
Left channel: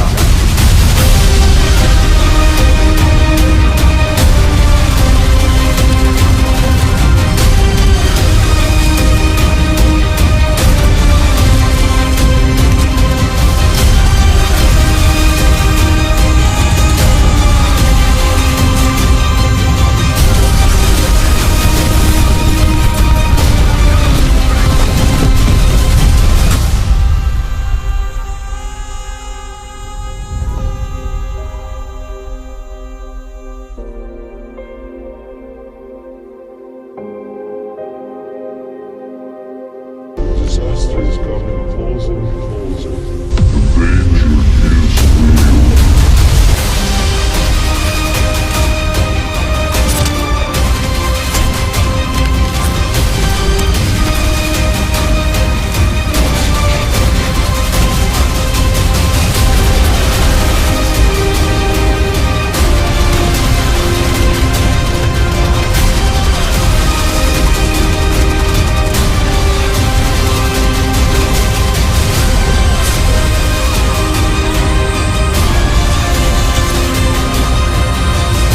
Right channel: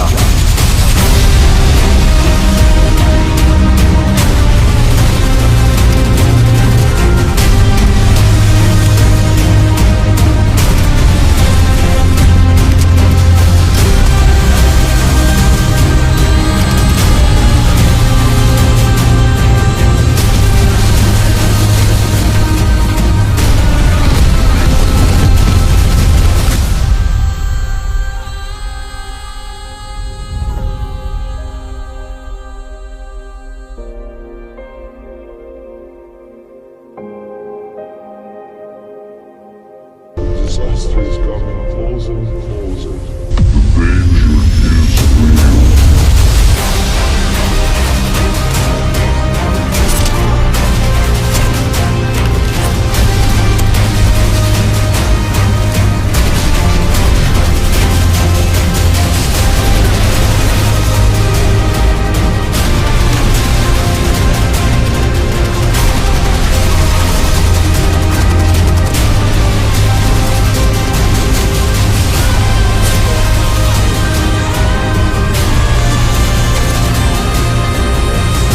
job. Disaster is coming closer and closer. The danger is real.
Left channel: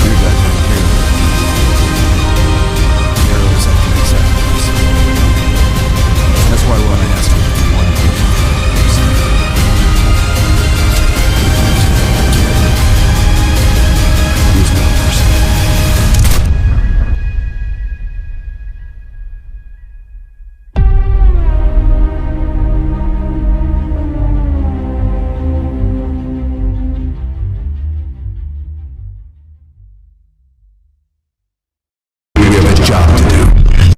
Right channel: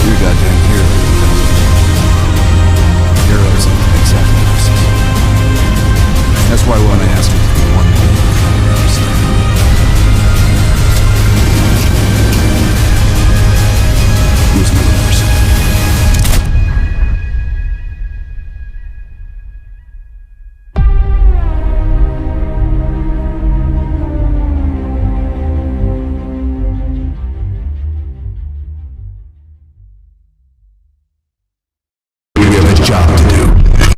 You're a goddamn hero. Heroes have to make sacrifices. That's why when I ask you,